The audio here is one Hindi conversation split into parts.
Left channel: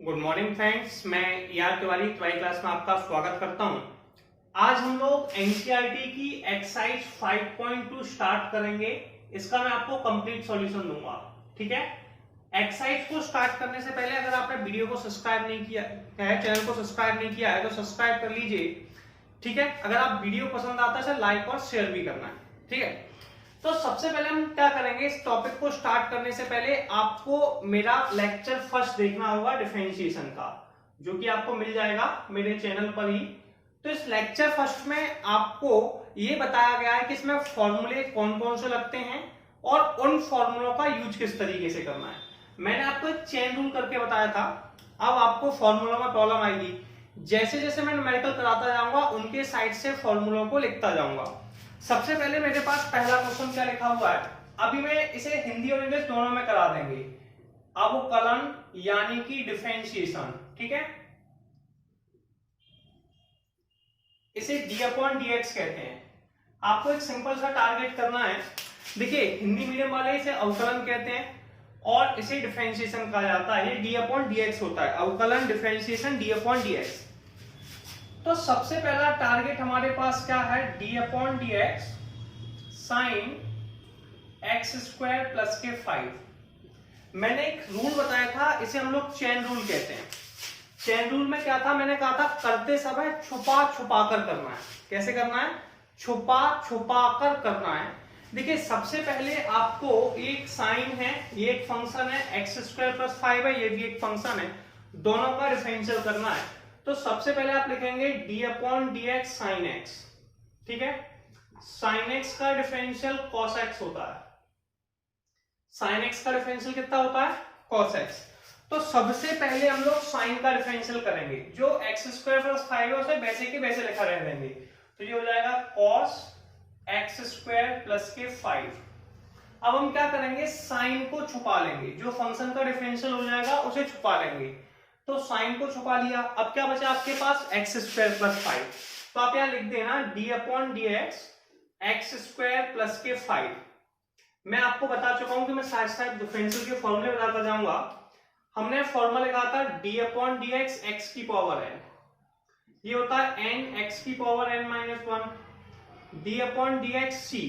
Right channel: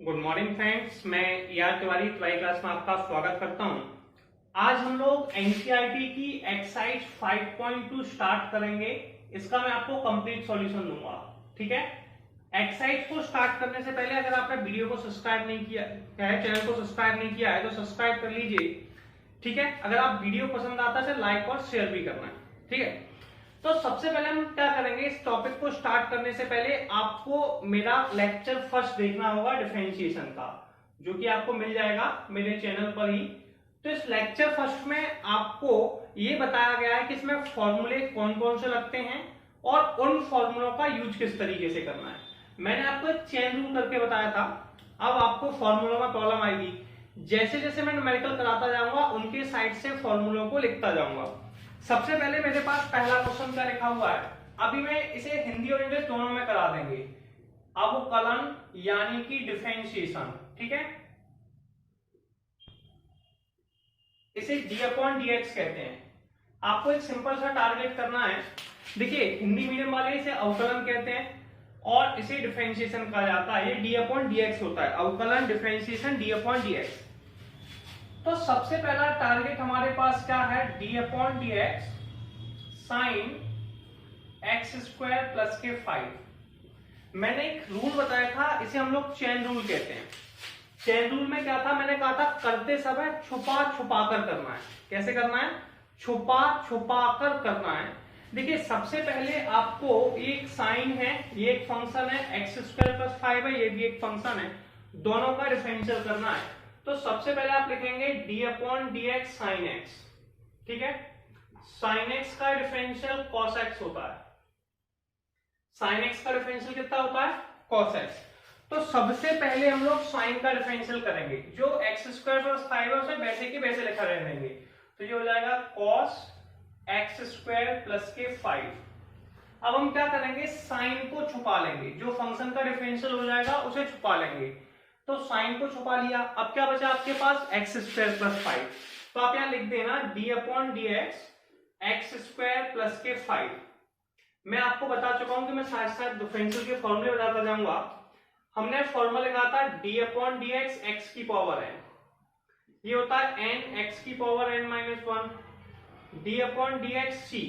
गुड मॉर्निंग फ्रेंड्स, मैं यार तिवारी ट्वेल्थ क्लास में आपका स्वागत करता हूं। आज हम लोग एनसीईआरटी की एक्सरसाइज 5.2 स्टार्ट करेंगे। इसका मैं आपको कंप्लीट सॉल्यूशन दूंगा, ठीक है। एक्सरसाइज को स्टार्ट करने से पहले अगर आपने वीडियो को सब्सक्राइब नहीं किया है, चैनल को सब्सक्राइब नहीं किया है तो सब्सक्राइब कर लीजिए, ठीक है। अगर आप वीडियो पसंद आता है तो लाइक और शेयर भी करना है, ठीक है। तो सबसे पहले हम क्या करेंगे, इस टॉपिक को स्टार्ट करने से पहले आपको मेरा लेक्चर फर्स्ट देखना होगा डिफरेंशिएशन का, जो कि आपको मिल जाएगा मेरे चैनल पर ही। तो इस लेक्चर फर्स्ट में आपको ये बताया गया है कि इसमें फॉर्मूले कौन कौन से लगते हैं और उन फॉर्मूलों का यूज किस तरीके से करना है। मैंने आपको एक चेन रूल करके बताया था। अब आपको फॉर्मूलों में प्रॉब्लम आएगी, जैसे जैसे मैं न्यूमेरिकल कराता जाऊंगा उनके साइड से फॉर्मूलों को लिखता जाऊंगा। सबसे पहले मेरे पास पहला क्वेश्चन क्या लिखा हुआ है, अभी मैं इसे हिंदी और इंग्लिश दोनों में करा देंगे। अवकलन यानी कि डिफरेंशिएशन, ठीक है। इसे डी अपॉन डी एक्स कहते हैं। आपको एक सिंपल सा टारगेट करना है। देखिए, हिंदी मीडियम वाले इसे अवकलन कहते हैं और इसे डिफरेंशिएशन कहा जाता है। ये डी अपॉन डी एक्स होता है, अवकलन differentiation D upon d x. तो सबसे पहला टारगेट हमारे पास क्या है, d upon d x sine x square plus के 5। मैंने एक रूल बताया था, इसे हम लोग चेन रूल कहते हैं। चेन रूल में क्या था, मैंने कहा था करते समय छुपा छुपा कर करना है। कैसे करना है, छुपा छुपा कर करना है। देखिए, सबसे पहले आपको एक साइन है, ये एक फंक्शन है, एक्स स्क्वायर प्लस 5 है, ये भी एक फंक्शन है, दोनों का डिफरेंशियल करना है। तो सबसे पहले आप लिखेंगे d upon d x sine x, ठीक है। साइन एक्स का डिफरेंशियल कॉस एक्स होता है। साइन एक्स का डिफरेंशियल कितना होता है, कॉस एक्स। तो सबसे पहले हम लोग साइन का डिफरेंशियल करेंगे, जो एक्स स्क्वायर प्लस 5 है उसे वैसे के वैसे लिखा रहने देंगे। तो ये हो जाएगा कॉस एक्स स्क्वायर प्लस के 5। अब हम क्या करेंगे, साइन को छुपा लेंगे, जो फंक्शन का डिफरेंशियल हो जाएगा उसे छुपा लेंगे। तो साइन को छुपा लिया, अब क्या बचा आपके पास, एक्स स्क्वायर प्लस 5। तो आप यहां लिख देना D upon d x x square plus के 5। मैं आपको बता चुका हूं कि मैं साथ साथ डिफरेंशियल के फॉर्मूले बताता जाऊंगा। हमने फॉर्मूला लिखा था d upon d x x की पावर एन, ये होता है एन एक्स की power n minus 1। D upon d x c,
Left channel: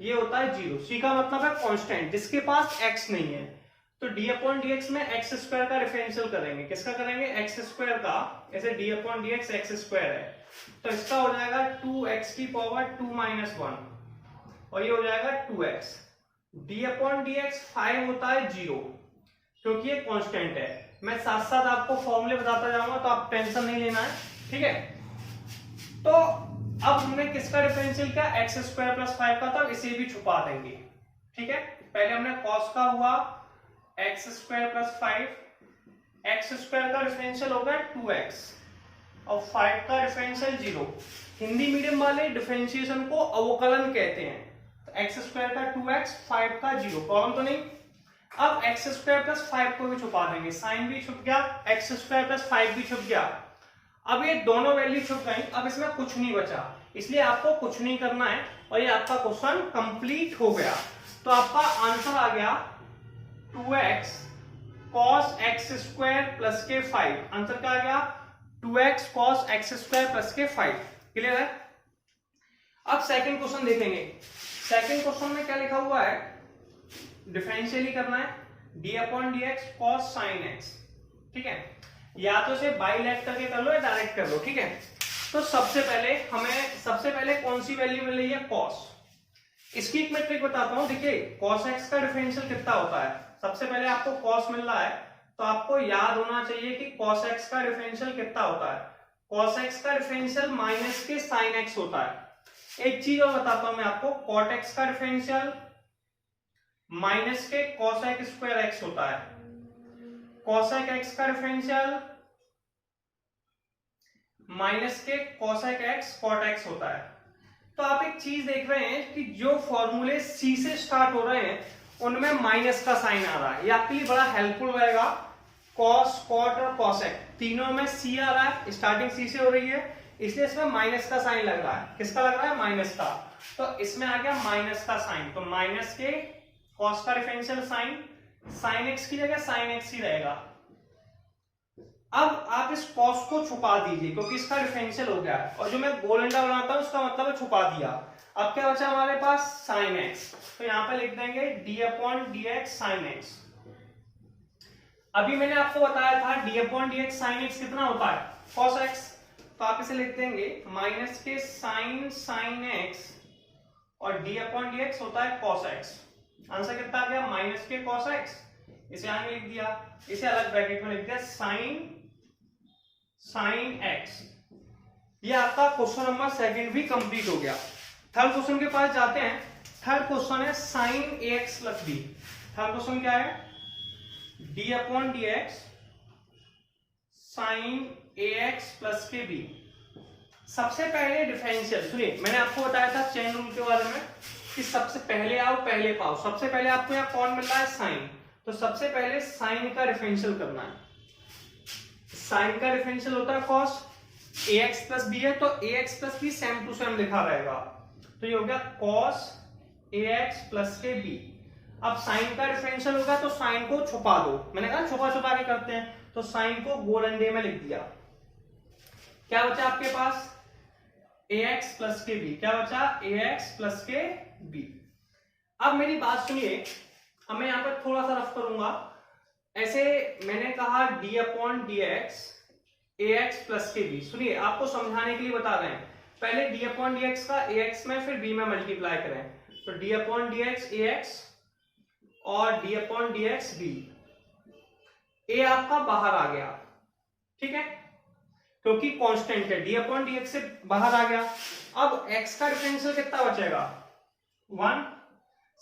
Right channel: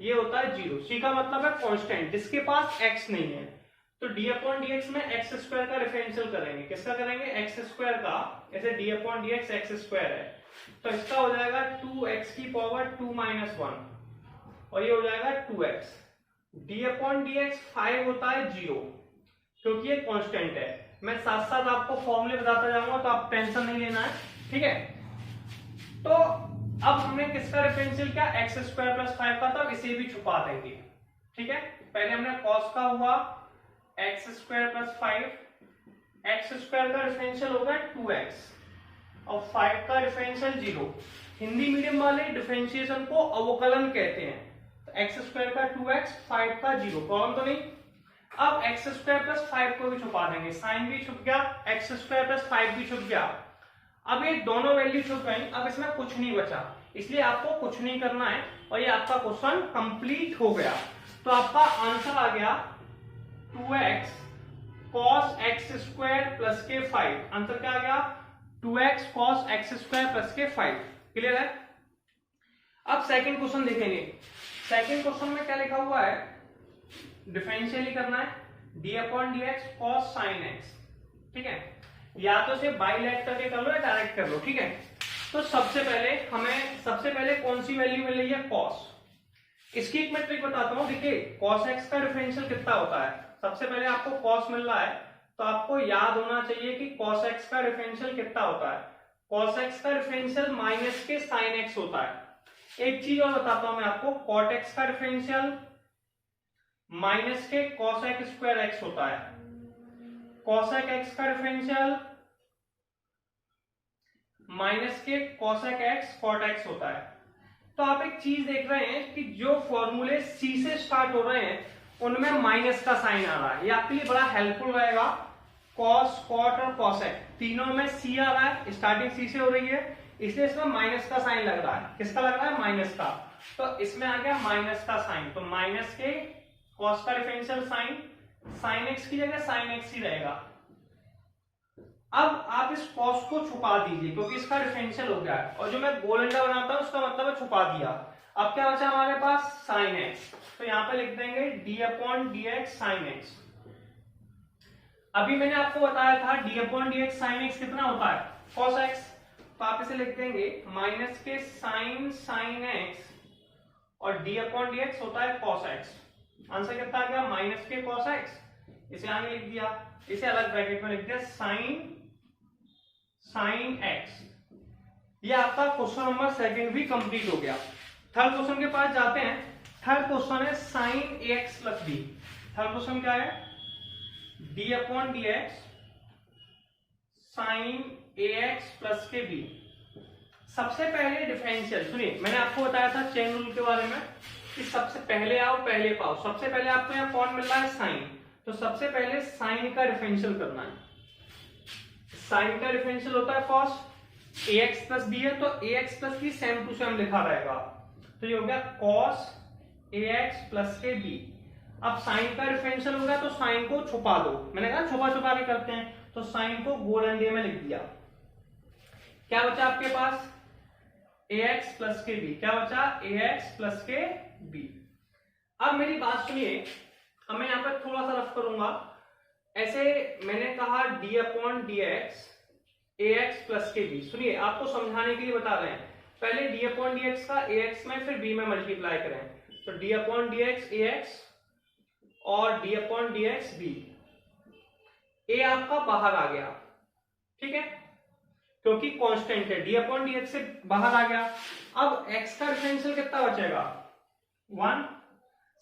ये होता है 0। सी का मतलब है कांस्टेंट, जिसके पास एक्स नहीं है। तो डी अपॉन डी एक्स में एक्स स्क्वायर का डिफरेंशियल करेंगे। किसका करेंगे, एक्स स्क्वायर का। ऐसे D upon d x x square है, तो इसका हो जाएगा 2x की पावर 2 माइनस 1 और ये हो जाएगा 2x। D upon d x 5 होता है 0, क्योंकि ये कांस्टेंट है। मैं साथ साथ आपको फॉर्मूले बताता जाऊंगा, तो आप टेंशन नहीं लेना है, ठीक है। तो अब हमने किसका डिफरेंशियल किया, एक्स स्क्वायर प्लस 5 का, तब इसे भी छुपा देंगे, ठीक है। पहले हमने कॉस का हुआ x square plus 5, x square का डिफरेंशियल होगा 2x और 5 का डिफरेंशियल 0। हिंदी मीडियम वाले डिफरेंशिएशन को अवकलन कहते हैं। तो एक्स स्क्वायर का 2x, 5 का 0, प्रॉब्लम तो नहीं। अब एक्स स्क्वायर प्लस 5 को भी छुपा देंगे, साइन भी छुप गया, एक्स स्क्वायर प्लस 5 भी छुप गया। अब ये दोनों वैल्यू छुप गई, अब इसमें कुछ नहीं बचा, इसलिए आपको कुछ नहीं करना है और ये आपका क्वेश्चन कंप्लीट हो गया। तो आपका आंसर आ गया 2x cos x square plus के 5। आंसर क्या आ गया, 2x cos x square plus के 5। क्लियर है। अब सेकंड क्वेश्चन देखेंगे। सेकंड क्वेश्चन में क्या लिखा हुआ है, डिफरेंशियल ही करना है, d upon d x cos sine x, ठीक है। या तो इसे बाइलेट करके कर लो या डायरेक्ट कर लो, ठीक है। तो सबसे पहले कौन सी वैल्यू मिल रही है, कॉस। इसकी एक मैं ट्रिक बताता हूं। देखिए, कॉस एक्स का डिफरेंशियल कितना होता है, सबसे पहले आपको कॉस मिल रहा है तो आपको याद होना चाहिए कि कॉस एक्स का डिफरेंशियल कितना होता है। कॉस एक्स का डिफरेंशियल माइनस के साइन एक्स होता है। एक चीज और बताता हूं मैं आपको, कॉट एक्स का डिफरेंशियल माइनस के कॉसेक स्क्वायर एक्स होता है। कॉसेक एक्स का डिफरेंशियल माइनस के कॉसेक एक्स कॉट एक्स होता है। तो आप एक चीज देख रहे हैं कि जो फॉर्मूले सी से स्टार्ट हो रहे हैं उनमें माइनस का साइन आ रहा है। ये आपके लिए बड़ा हेल्पफुल रहेगा। कॉस, कॉट और कॉसेक तीनों में सी आ रहा है, स्टार्टिंग सी से हो रही है, इसलिए इसमें माइनस का साइन लग रहा है। किसका लग रहा है, माइनस का। तो इसमें आ गया माइनस का साइन, तो माइनस के कॉस का डिफरेंशियल साइन, साइन एक्स की जगह साइन एक्स ही रहेगा। अब आप इस कॉस को छुपा दीजिए क्योंकि इसका डिफरेंशियल हो गया है, और जो मैं गोल अंडा बनाता हूं उसका मतलब है छुपा दिया। अब क्या बचा हमारे पास, साइन एक्स, तो यहां पे लिख देंगे d upon d x sine x. अभी मैंने आपको बताया था d upon d x sine x कितना होता है, कॉस एक्स, तो आप इसे लिख देंगे माइनस के साइन साइन एक्स और डी अपॉन डी एक्स होता है कॉस एक्स। आंसर कितना आ गया, माइनस के कॉस एक्स, इसे आगे लिख दिया, इसे अलग ब्रैकेट में लिख दिया साइन साइन एक्स। ये आपका क्वेश्चन नंबर सेकंड भी कंप्लीट हो गया। थर्ड क्वेश्चन के पास जाते हैं। थर्ड क्वेश्चन है sine a x plus b. Third question क्या है, d upon d x sine a x plus के बी। सबसे पहले डिफरेंशियल सुनिए, मैंने आपको बताया था चेन रूल के बारे में कि सबसे पहले आओ पहले पाओ। सबसे पहले आपको यहाँ कौन मिल रहा है, साइन, तो सबसे पहले साइन का डिफरेंशियल करना है। साइन का डिफरेंशियल होता है cos, a x plus b है तो a x plus b same to same लिखा रहेगा, तो ये हो गया कॉस ए एक्स प्लस के बी। अब साइन का डिफरेंशियल होगा तो साइन को छुपा दो, मैंने कहा छुपा छुपा के करते हैं, तो साइन को गोल अंडे में लिख दिया। क्या बचा आपके पास, ए एक्स प्लस के बी, क्या बचा, ए एक्स प्लस के बी। अब मेरी बात सुनिए, अब मैं यहां पर थोड़ा सा रफ करूंगा। ऐसे मैंने कहा D upon d x a x plus के बी। सुनिए आपको समझाने के लिए बता रहे हैं, पहले डी अपॉन डी एक्स का ए एक्स में फिर बी में मल्टीप्लाई करें, तो d upon d x a x और d upon d x b. A आपका बाहर आ गया, ठीक है, क्योंकि कांस्टेंट है, डी अपॉन डी एक्स से बाहर आ गया। अब एक्स का डिफरेंशियल कितना बचेगा, 1।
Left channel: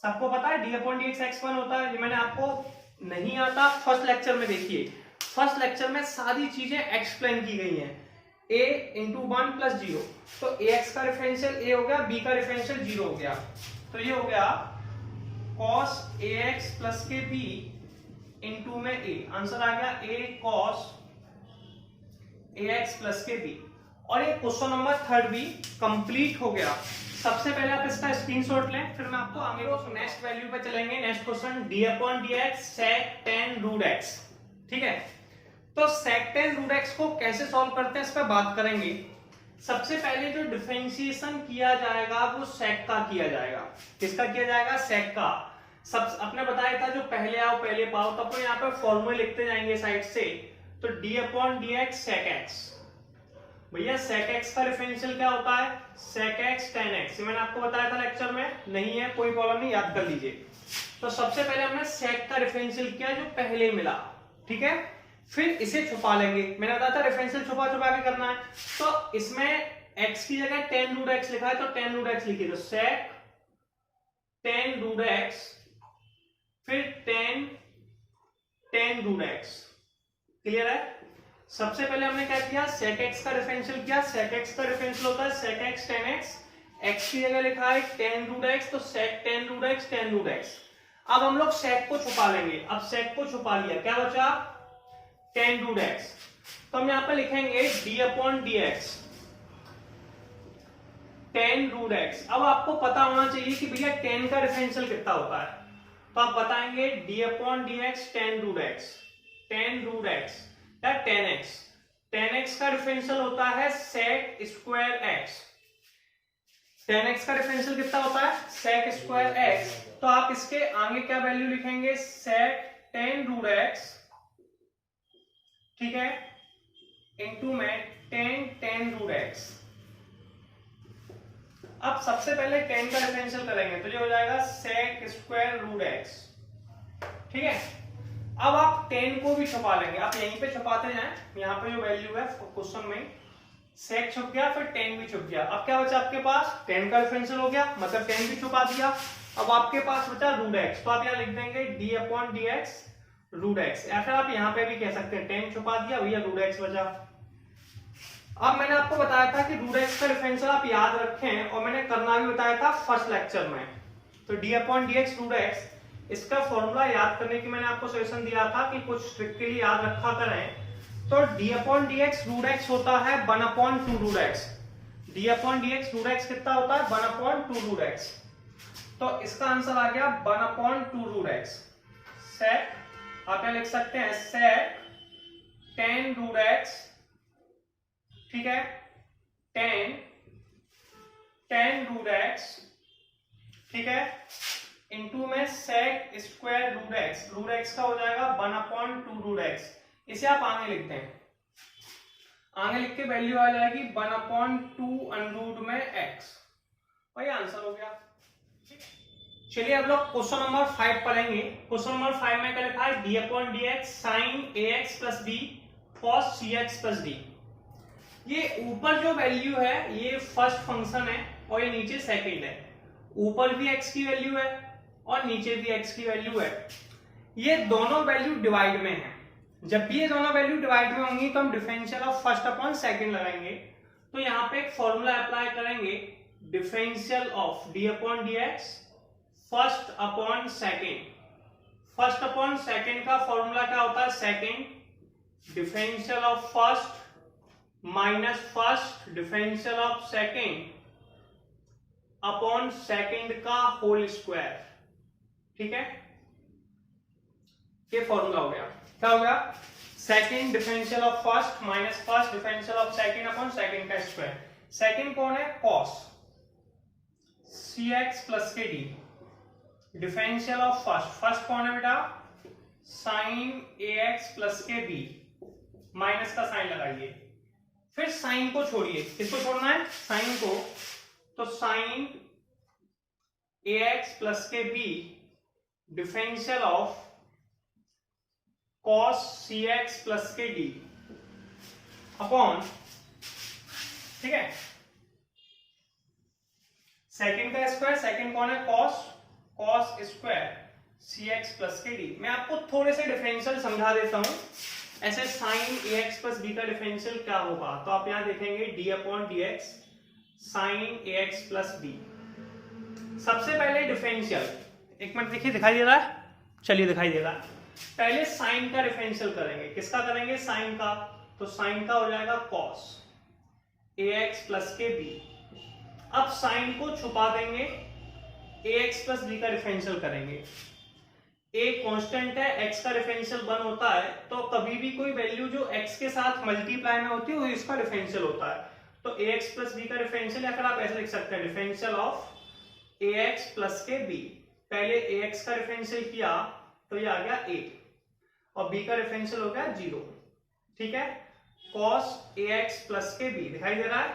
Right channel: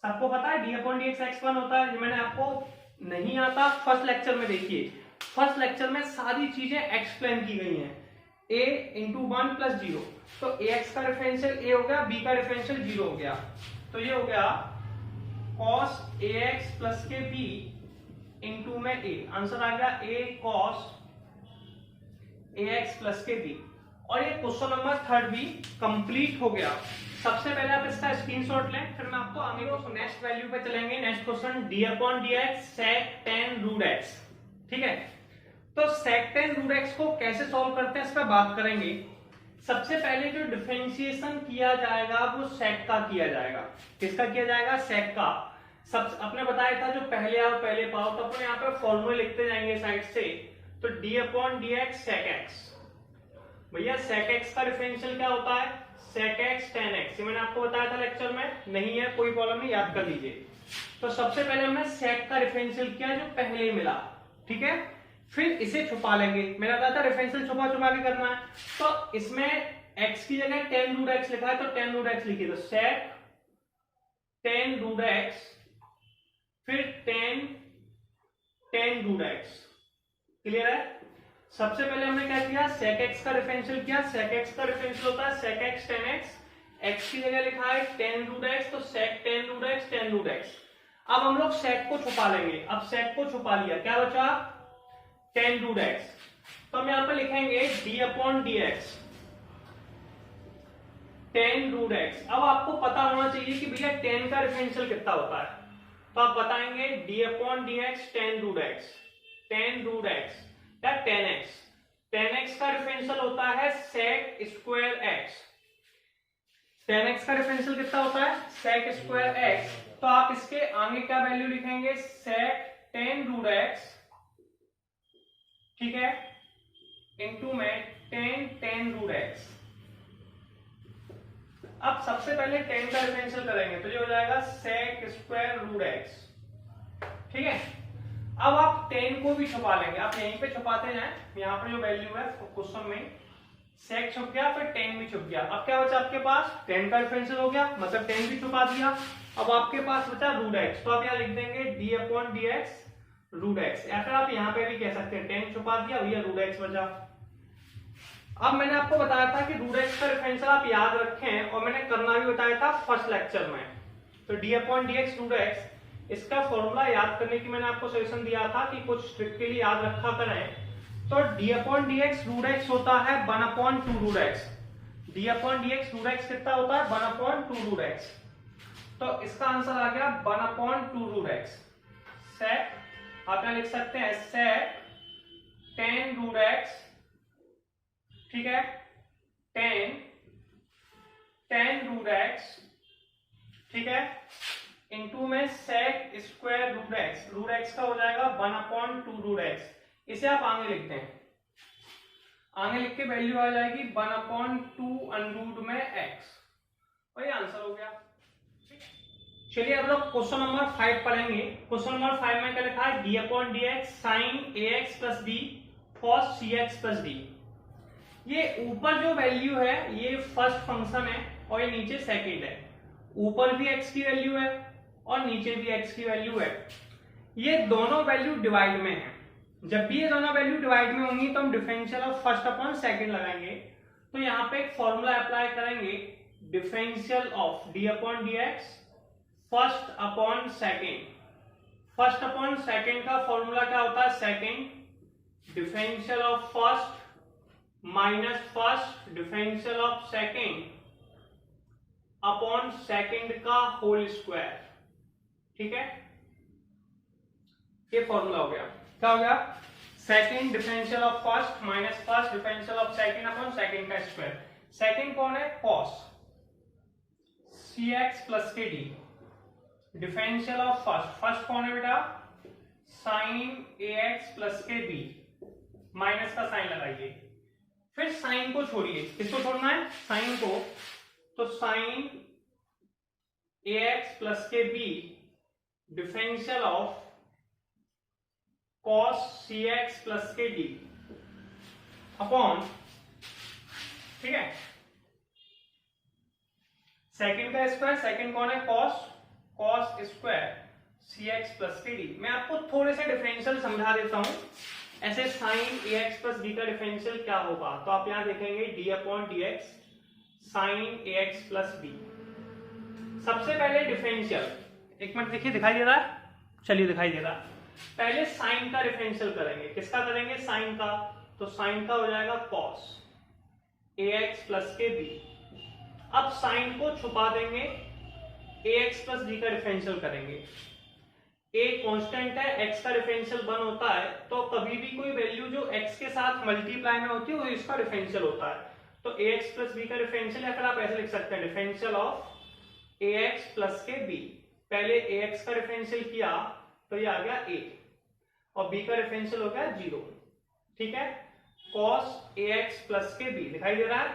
सबको पता है d upon d x x 1 होता है, ये मैंने आपको नहीं आता फर्स्ट लेक्चर में, देखिए फर्स्ट लेक्चर में सारी चीजें एक्सप्लेन की गई हैं। a इंटू 1 प्लस 0, तो ए एक्स का डिफरेंशियल a हो गया, b का डिफरेंशियल 0 हो गया, तो ये हो गया cos ए एक्स प्लस के b इंटू में a। आंसर आ गया a cos A x plus के b। और ये क्वेश्चन नंबर थर्ड भी कंप्लीट हो गया। सबसे पहले आप इसका स्क्रीनशॉट लें, फिर मैं आपको आगे नेक्स्ट वैल्यू पे चलेंगे। Next question d upon d x sec tan root x, ठीक है। तो सेक टेन रूट एक्स को कैसे सॉल्व करते हैं इस पर बात करेंगे। सबसे पहले जो डिफरेंशिएशन किया जाएगा वो सेक का किया जाएगा। किसका किया जाएगा, सेक का। सब अपने बताया था जो पहले आओ पहले पाओ, तो अपने यहाँ पर फॉर्मूले लिखते जाएंगे साइड से। तो d upon d x sec x, भैया सेक एक्स का डिफरेंशियल क्या होता है, सेक एक्स टेन एक्स। ये मैंने आपको बताया था लेक्चर में, नहीं है कोई प्रॉब्लम नहीं, याद कर लीजिए। तो सबसे पहले हमने सेक का डिफरेंशियल किया जो पहले मिला, ठीक है, फिर इसे छुपा लेंगे। मैंने बताया था डिफरेंशियल छुपा छुपा के करना है, तो इसमें x की जगह टेन रूट एक्स लिखा है तो टेन रूट एक्स लिखिए, तो सेक टेन रूट एक्स फिर tan tan root x. Clear है। सबसे पहले हमने क्या किया, सेक एक्स का डिफरेंशियल किया। सेक एक्स का डिफरेंशियल होता है sec x tan x, x की जगह लिखा है टेन रूट एक्स, तो sec tan root x tan root x. अब हम लोग सेक को छुपा लेंगे। अब सेक को छुपा लिया, क्या बचा, टेन रूट एक्स। तो हम यहां पर लिखेंगे d upon d x tan root x. अब आपको पता होना चाहिए कि भैया टेन का डिफरेंशियल कितना होता है, तो आप बताएंगे d upon d x tan root x, tan root x या टेन एक्स। टेन एक्स का डिफरेंशियल होता है sec square x. Tan x का डिफरेंशियल कितना होता है, सेक स्क्वायर एक्स। तो आप इसके आगे क्या वैल्यू लिखेंगे, सेक टेन रूट एक्स, ठीक है, इंटू में टेन टेन रूट एक्स। अब सबसे पहले टेन का डिफरेंशियल करेंगे तो ये हो जाएगा सेक स्क्वायर रूट एक्स, ठीक है। अब आप टेन को भी छुपा लेंगे, आप यहीं पे छुपाते जाएं। यहाँ पे जो वैल्यू है क्वेश्चन में सेक छुप गया, फिर टेन भी छुप गया। अब क्या बचा आपके पास, टेन का डिफरेंशियल हो गया, मतलब टेन भी छुपा दिया। अब आपके पास बचा रूट एक्स, तो आप यहाँ लिख देंगे d upon d x root x, या फिर आप यहाँ पे भी कह सकते हैं टेन छुपा दिया भैया रूट एक्स बचा। अब मैंने आपको बताया था कि रूट एक्स का डिफरेंशियल आप याद रखें, और मैंने करना भी बताया था फर्स्ट लेक्चर में। तो d upon d x root x, इसका फॉर्मूला याद करने की मैंने आपको सजेशन दिया था कि कुछ ट्रिक के लिए याद रखा करें। तो d upon d x root x होता है 1 upon 2 root x. D upon d x root x कितना होता है, 1 अपॉन 2 रूट एक्स। तो इसका आंसर आ गया 1 अपॉन 2 रूट एक्स। सेक आप क्या लिख सकते हैं, सेक 10 टेन रूट एक्स, ठीक है, टेन रूट एक्स, ठीक है, इंटू में sec square root x, root x का हो जाएगा 1/2 रूट एक्स। इसे आप आगे लिखते हैं, आगे लिख के वैल्यू आ जाएगी 1/2 अनरूट में एक्स, वही आंसर हो गया। चलिए अब लोग क्वेश्चन नंबर 5 पढ़ेंगे। क्वेश्चन नंबर 5 में क्या लिखा है, d upon d x sine a x plus b cos c x plus d. ये ऊपर जो वैल्यू है ये फर्स्ट फंक्शन है और ये नीचे सेकंड है। ऊपर भी एक्स की वैल्यू है और नीचे भी एक्स की वैल्यू है। ये दोनों वैल्यू डिवाइड में है। जब भी ये दोनों वैल्यू डिवाइड में होंगी तो हम differential of first upon second लगाएंगे। तो यहाँ पे एक फॉर्मूला अप्लाई करेंगे, differential of D upon d x first upon second. First upon second का फॉर्मूला क्या होता है, second differential of first minus first differential of second upon second का होल स्क्वायर, ठीक है। ये फॉर्मूला हो गया, क्या हो गया, second differential of first minus first differential of second upon second का स्क्वायर। सेकंड कौन है, कॉस सी एक्स प्लस के D, differential of first, first कौन है बेटा, साइन ए एक्स प्लस के बी, माइनस का साइन लगाइए, फिर साइन को छोड़िए, किसको छोड़ना है, साइन को, तो साइन ए एक्स प्लस के b differential of cos c x plus के डी अपॉन, ठीक है, सेकंड का स्क्वायर, सेकंड कौन है, cos, cos square c x plus के डी। मैं आपको थोड़े से डिफरेंशियल समझा देता हूं। ऐसे sine a x plus b का डिफरेंशियल क्या होगा, तो आप यहां देखेंगे d upon d x sine a x plus b. सबसे पहले डिफरेंशियल, एक मिनट देखिए दिखाई दे रहा है, चलिए दिखाई दे रहा है। पहले साइन का डिफरेंशियल करेंगे, किसका करेंगे, साइन का, तो साइन का हो जाएगा कॉस ए एक्स प्लस के बी। अब साइन को छुपा देंगे, ए एक्स प्लस बी का डिफरेंशियल करेंगे। ए कांस्टेंट है, एक्स का डिफरेंशियल 1 होता है, तो कभी भी कोई वैल्यू जो एक्स के साथ मल्टीप्लाई में होती है वो इसका डिफरेंशियल होता है। तो ए एक्स प्लस बी का डिफरेंशियल, या फिर आप ऐसे लिख सकते हैं differential of A x plus के बी। पहले ए एक्स का डिफरेंशियल किया तो ये आ गया a और b का डिफरेंशियल हो गया 0, ठीक है, cos ax प्लस के b दिखाई दे रहा है।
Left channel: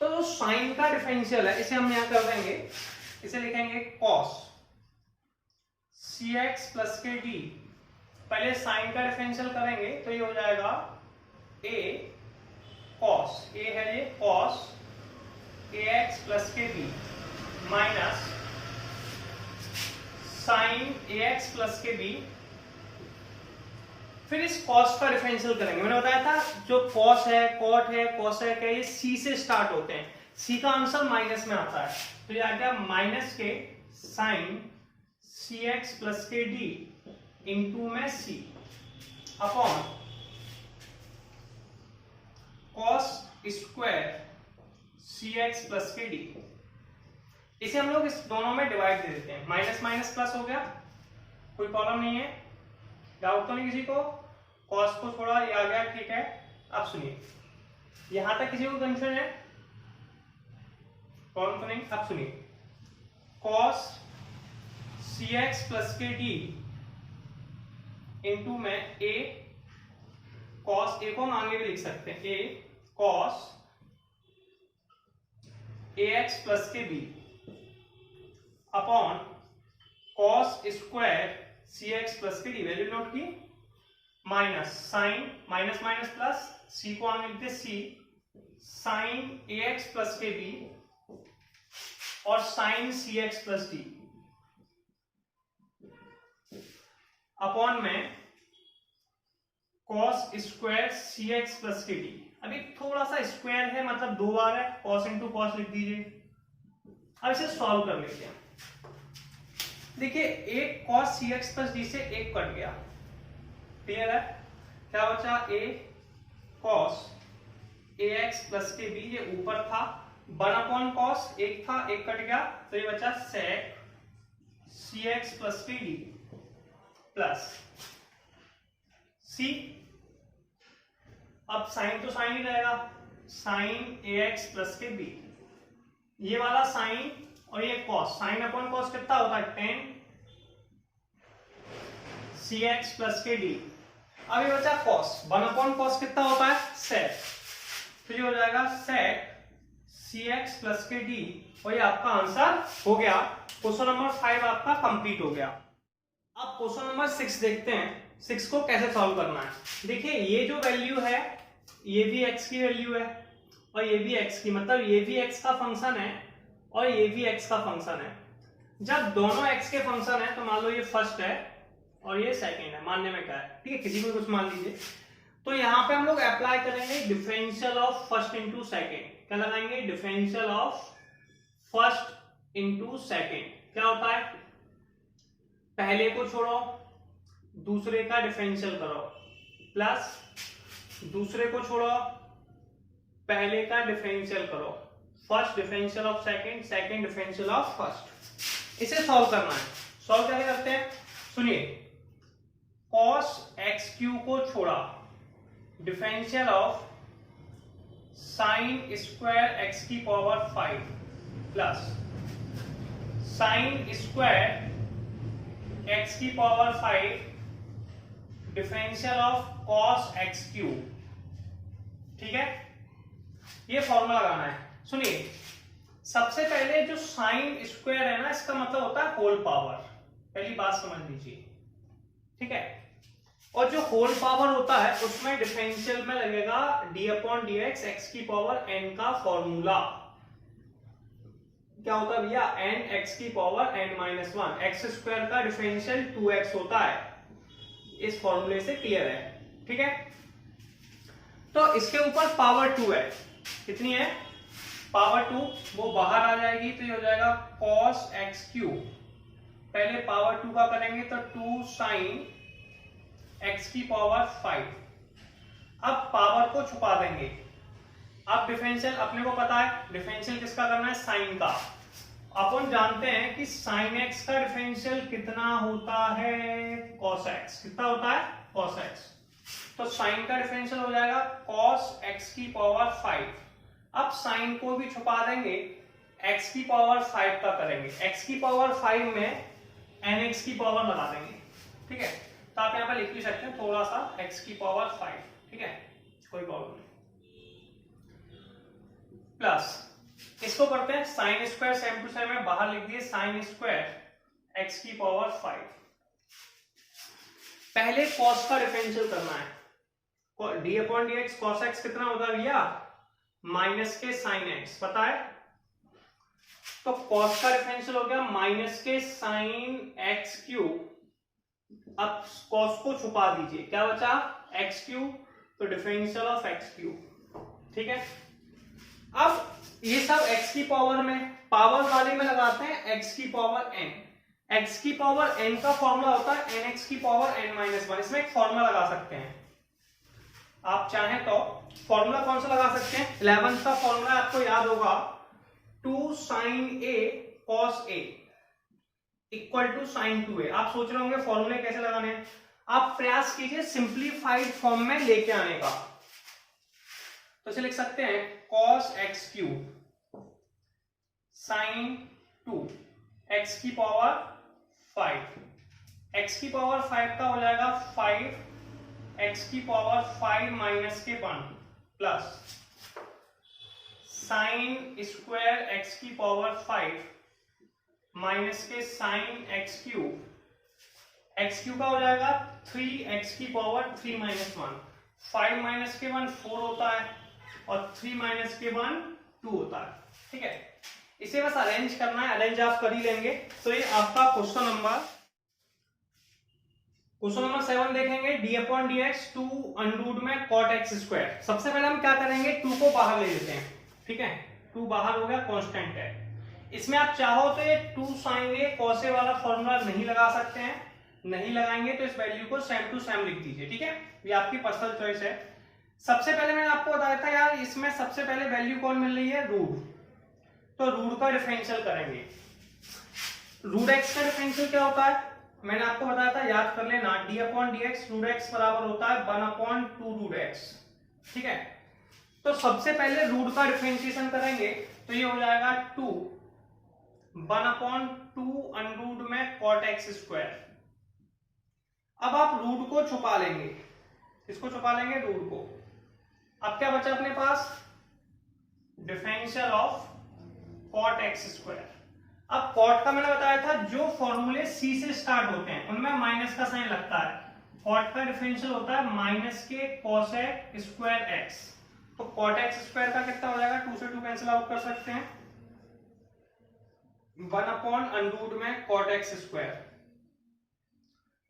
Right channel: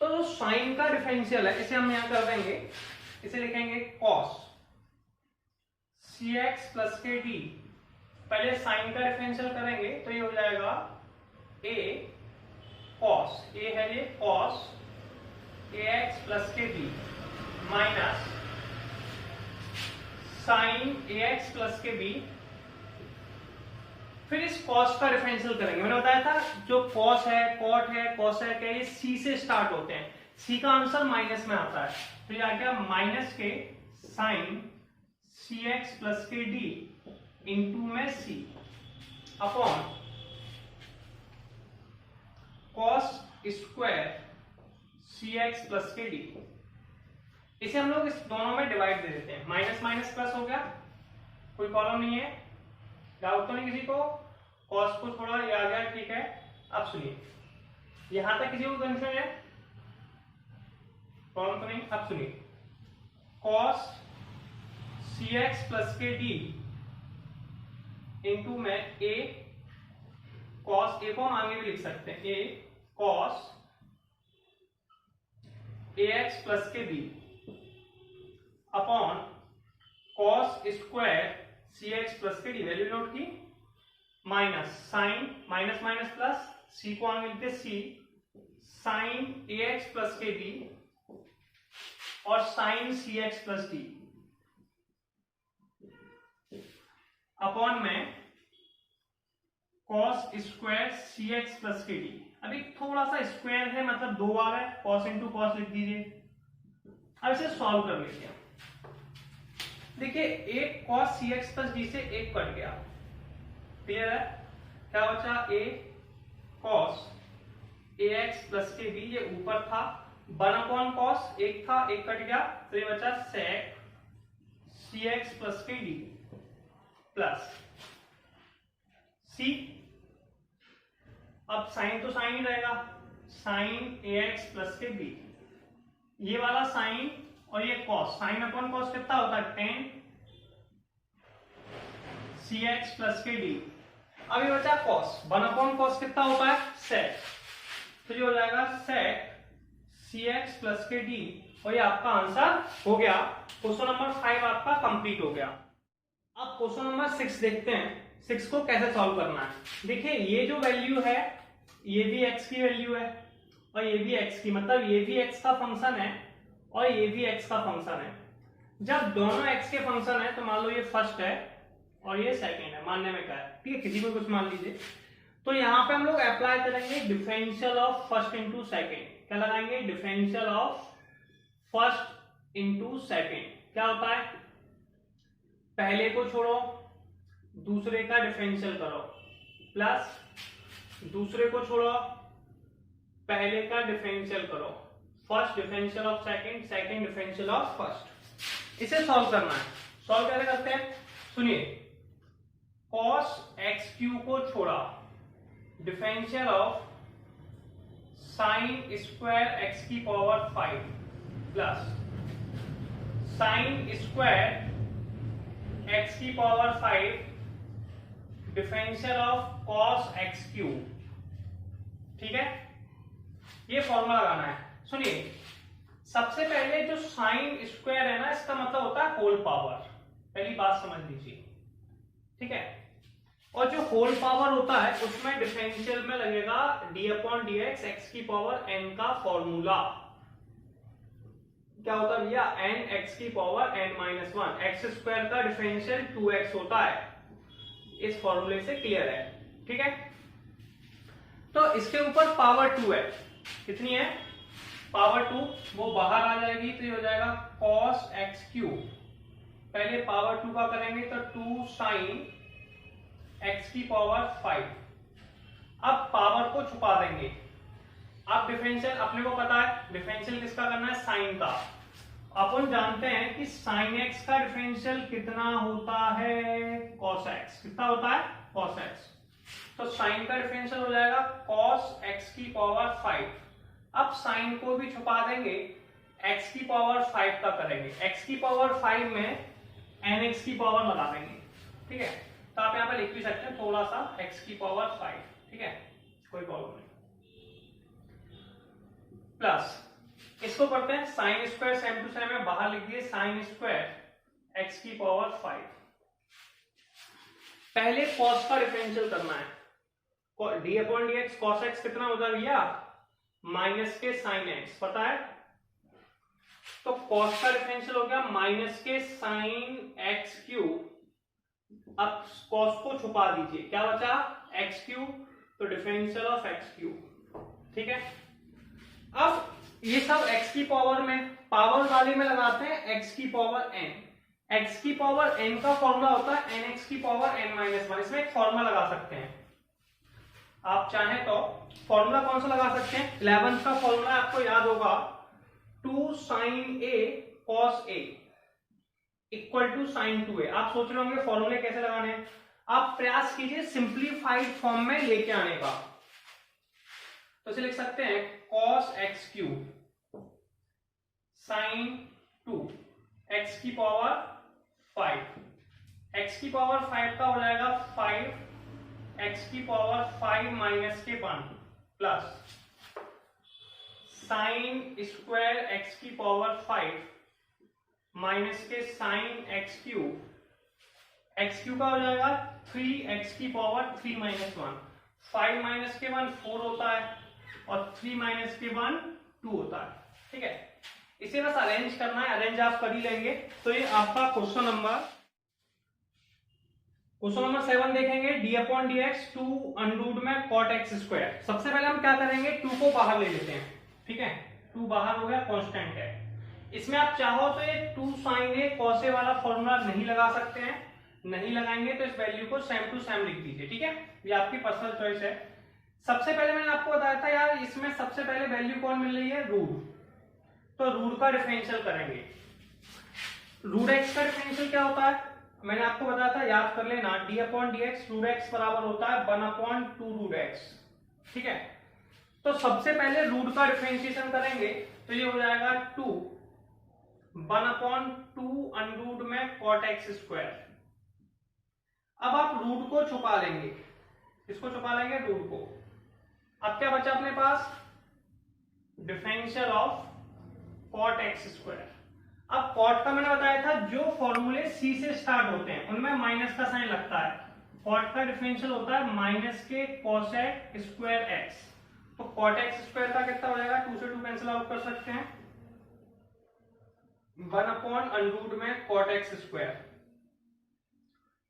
तो साइन का डिफरेंशियल है, इसे हम यहां कर देंगे, इसे लिखेंगे cos cx प्लस के d। पहले साइन का डिफरेंशियल करेंगे तो ये हो जाएगा a cos, a है ये cos ax प्लस के b minus sine ax plus के b। फिर इस cos का डिफरेंशियल करेंगे। मैंने बताया था जो cos है, cot है, cosec है, ये c से स्टार्ट होते हैं, c का आंसर माइनस में आता है, तो ये आ गया माइनस के साइन cx प्लस के d इंटू में c upon cos square cx plus के d। इसे हम लोग इस दोनों में डिवाइड दे देते हैं, माइनस माइनस प्लस हो गया, कोई प्रॉब्लम नहीं है, डाउट तो नहीं किसी को, कॉस को छोड़ा ये आ गया, ठीक है। अब सुनिए, यहां तक किसी को कंफ्यूजन है, प्रॉब्लम तो नहीं। अब सुनिए, कॉस सी एक्स प्लस के डी इंटू में ए कॉस, ए को हम आगे भी लिख सकते हैं, a cos a x plus के b upon cos square c x plus के डी, वैल्यू नोट की, minus sine, minus minus plus, c को आगे लिखते c sine a x plus के बी और sine c x plus d upon में cos square c x plus के डी। अभी थोड़ा सा स्क्वायर है, मतलब 2 बार है, कॉस इंटू कॉस लिख दीजिए। अब इसे सॉल्व कर लेते हैं। देखिए एक cos cx प्लस डी से एक कट गया, क्लियर है, क्या बचा, a cos ax प्लस के b, ये ऊपर था 1/cos, एक था, एक कट गया, तो ये बचा sec cx प्लस के d प्लस c अब साइन तो साइन ही रहेगा, साइन ax प्लस के b, ये वाला साइन और ये कॉस, साइन अपॉन कॉस कितना होता है 10 cx प्लस के d। अब ये बचा कॉस, 1 अपॉन कॉस कितना होता है sec, तो ये हो जाएगा sec cx प्लस के d, और ये आपका आंसर हो गया। क्वेश्चन नंबर 5 आपका कंप्लीट हो गया। अब क्वेश्चन नंबर 6 देखते हैं, 6 को कैसे सॉल्व करना है। देखिए ये जो वैल्यू है ये भी x की वैल्यू है और ये भी x की, मतलब ये भी x का फंक्शन है और ये भी x का फंक्शन है। जब दोनों x के फंक्शन है तो मान लो ये फर्स्ट है और ये सेकंड है, मानने में क्या है, ठीक है, किसी को कुछ मान लीजिए। तो यहाँ पे हम लोग अप्लाई करेंगे differential of first into second. क्या लगाएंगे, differential of first into second. क्या होता है, पहले को छोड़ो दूसरे का डिफरेंशियल करो, प्लस दूसरे को छोड़ो पहले का डिफरेंशियल करो, first differential of second, second differential of first. इसे सॉल्व करना है। सॉल्व कैसे करते हैं, सुनिए, cos x क्यू को छोड़ा, differential of sine square x की power 5 plus sine square x की power 5 differential of cos x cube. ठीक है, ये फॉर्मूला लगाना है। सुनिए, सबसे पहले जो साइन स्क्वायर है ना, इसका मतलब होता है होल पावर, पहली बात समझ लीजिए, ठीक है। और जो होल पावर होता है उसमें डिफरेंशियल में लगेगा d अपॉन डी एक्स, एक्स की पावर n का फॉर्मूला। क्या होता है भैया, n x की power n minus 1, x square का डिफरेंशियल 2x होता है। इस फॉर्मूले से क्लियर है, ठीक है। तो इसके ऊपर पावर 2 है, कितनी है, पावर 2, वो बाहर आ जाएगी तो ये हो जाएगा cos x क्यूब। पहले पावर 2 का करेंगे तो 2 साइन x की पावर 5। अब पावर को छुपा देंगे। अब डिफरेंशियल अपने को पता है, डिफरेंशियल किसका करना है, साइन का। अपन जानते हैं कि साइन x का डिफरेंशियल कितना होता है, cos x। कितना होता है, cos x। तो साइन का डिफरेंशियल हो जाएगा cos x की पावर 5। अब साइन को भी छुपा देंगे, x की पावर 5 का करेंगे, x की पावर 5 में nx की पावर लगा देंगे, ठीक है। तो आप यहाँ पे लिख भी सकते हैं थोड़ा सा x की पावर 5, ठीक है, कोई प्रॉब्लम नहीं। प्लस इसको करते हैं sine square, same to same है, बाहर लिख दिए साइन स्क्वायर x की पावर 5। पहले cos का डिफरेंशियल करना है, d अपॉन डी एक्स, cos x कितना होगा भैया, माइनस के साइन x, पता है। तो cos का डिफरेंशियल हो गया माइनस के साइन x क्यूब। अब cos को छुपा दीजिए, क्या बचा, x क्यूब, तो डिफरेंशियल ऑफ x क्यूब, ठीक है। अब ये सब x की पावर में, पावर वाले में लगाते हैं x की पावर n। x की पावर n का फॉर्मूला होता है nx की पावर n माइनस 1। इसमें एक फॉर्मूला लगा सकते हैं, आप चाहें तो फॉर्मूला कौन सा लगा सकते हैं, 11th का फॉर्मूला आपको याद होगा, 2 sine a cos a equal to sine 2a। आप सोच रहे होंगे फॉर्मूले कैसे लगाने हैं, आप प्रयास कीजिए सिंप्लीफाइड फॉर्म में लेके आने का। तो इसे लिख सकते हैं cos x cube sign 2 x की पावर 5, x की पावर 5 का हो जाएगा 5 x की पावर 5 माइनस के 1 प्लस साइन स्क्वायर x की पावर 5 माइनस के sine x cube, x cube का हो जाएगा 3x की पावर 3 माइनस 1, 5 माइनस के 1 4 होता है और 3 माइनस के 1 2 होता है, ठीक है। इसे बस अरेंज करना है, अरेंज आप कर ही लेंगे। तो ये आपका क्वेश्चन नंबर 7 देखेंगे, d अपॉन डी एक्स 2 अंडरूट में cot x स्क्वायर। सबसे पहले हम क्या करेंगे, 2 को बाहर ले लेते हैं, ठीक है, 2 बाहर हो गया, कांस्टेंट है। इसमें आप चाहो तो ये 2 साइन ए cos a वाला फॉर्मूला नहीं लगा सकते हैं, नहीं लगाएंगे तो इस वैल्यू को सेम टू सेम लिख दीजिए, ठीक है, ये आपकी पर्सनल चॉइस है। सबसे पहले मैंने आपको बताया था यार, इसमें सबसे पहले वैल्यू कौन मिल रही है, रूट। तो रूट का डिफरेंशियल करेंगे। रूट एक्स का डिफरेंशियल क्या होता है, मैंने आपको बताया था, याद कर लेना, d अपॉन डी एक्स रूट एक्स बराबर होता है 1 अपॉन 2 रूट एक्स। ठीक है, तो सबसे पहले रूट का डिफरेंशिएशन करेंगे तो ये हो जाएगा 2 1/2 अंडर में कॉट एक्स स्क्वायर। अब आप रूट को छुपा लेंगे, इसको छुपा लेंगे रूट को। अब क्या बचा अपने पास, differential of cot x square. अब कॉट का मैंने बताया था जो फॉर्मूले सी से स्टार्ट होते हैं उनमें माइनस का साइन लगता है। कॉट का डिफरेंशियल होता है माइनस के कॉसेक स्क्वायर एक्स। तो कॉट एक्स स्क्वायर का कितना हो जाएगा, 2 से 2 कैंसिल आउट कर सकते हैं, 1/√2 में कॉट एक्स स्क्वायर।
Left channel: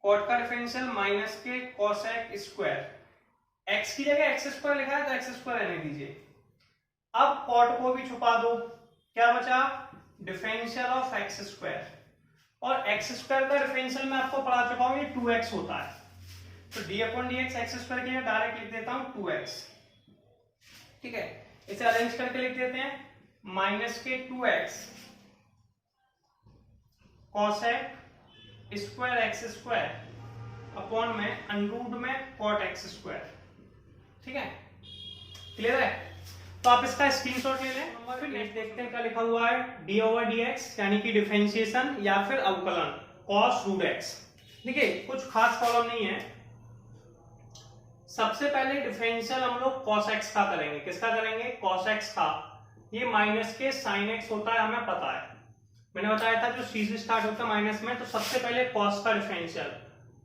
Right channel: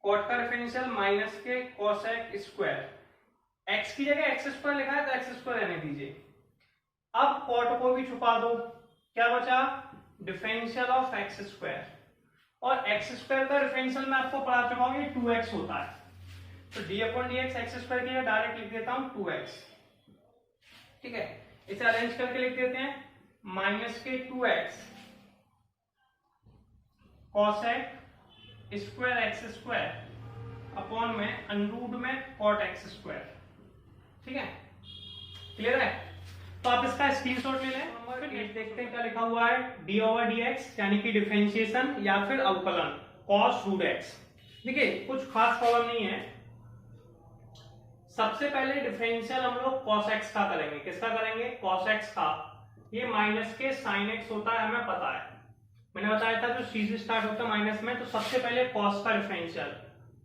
कॉट का डिफरेंशियल माइनस के कॉसेक स्क्वायर, एक्स की जगह एक्स स्क्वायर लिखा है तो एक्स स्क्वायर रहने दीजिए। अब कॉट को भी छुपा दो, क्या बचा, डिफरेंशियल ऑफ एक्स स्क्वायर। और एक्स स्क्वायर का डिफरेंशियल मैं आपको पढ़ा चुका हूं, ये 2x होता है। तो d/dx एक्स स्क्वायर के लिए डायरेक्ट लिख देता हूं 2x। ठीक है, इसे अरेंज करके लिख देते हैं, माइनस के 2x cosec square x square upon में अंडर में कॉट एक्स स्क्वायर। ठीक है, क्लियर है। तो आप इसका स्क्रीनशॉट ले लें। फिर देखते हैं क्या लिखा हुआ है, d/dx यानी कि डिफरेंशिएशन या फिर अवकलन cos√x। देखिए कुछ खास प्रॉब्लम नहीं है। सबसे पहले डिफरेंशियल हम लोग cos x का करेंगे। किसका करेंगे, cos x का। ये माइनस के sin x होता है, हमें पता है, मैंने बताया था जो सी से स्टार्ट होता है माइनस में। तो सबसे पहले cos का डिफरेंशियल,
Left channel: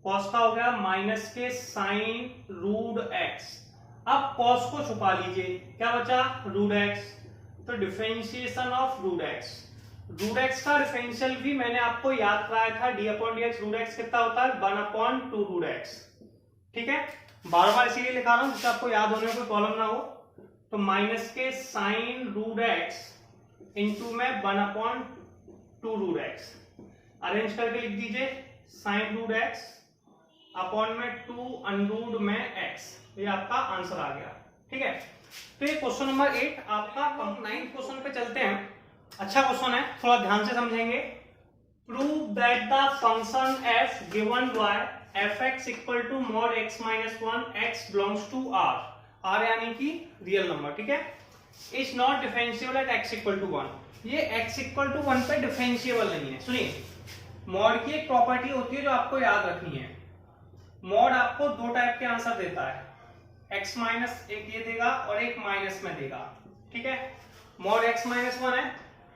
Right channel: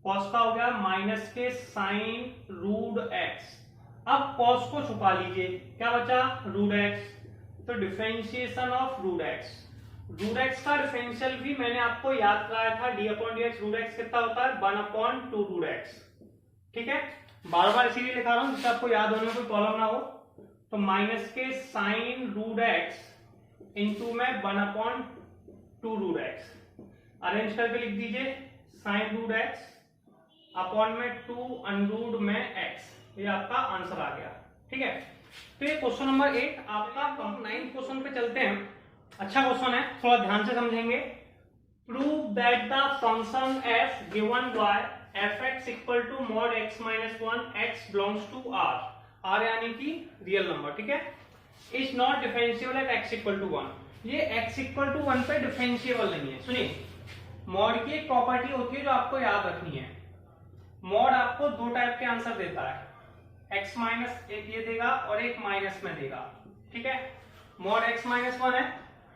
cos का हो गया माइनस के sin√x। अब cos को छुपा लीजिए, क्या बचा, √x। तो डिफरेंशिएशन ऑफ √x। √x का डिफरेंशियल भी मैंने आपको याद कराया था, d/dx √x कितना होता है, 1/2√x। ठीक है, बार बार इसीलिए लिखा रहा हूं जिससे आपको याद होने में कोई प्रॉब्लम ना हो। तो माइनस के sin√x इंटू में 1/2√x अरेंज करके लिख दीजिए, sin√x अपॉन में 2 में x। ये आपका आंसर आ गया। ठीक है, तो ये क्वेश्चन नंबर 8 आपका। 9th क्वेश्चन पे चलते हैं। अच्छा क्वेश्चन है, थोड़ा ध्यान से समझेंगे। Prove that the function f given by fx equal to mod x minus 1 x belongs to r। r यानी कि रियल नंबर, ठीक है, is not differentiable at x equal to 1। ये x इक्वल टू 1 पे डिफरेंशिएबल नहीं है। सुनिए, मॉड की एक प्रॉपर्टी होती है जो आपको याद रखनी है। मॉड आपको दो टाइप के आंसर देता है, x माइनस एक ये देगा और एक माइनस में देगा। ठीक है, मॉड x माइनस 1 है,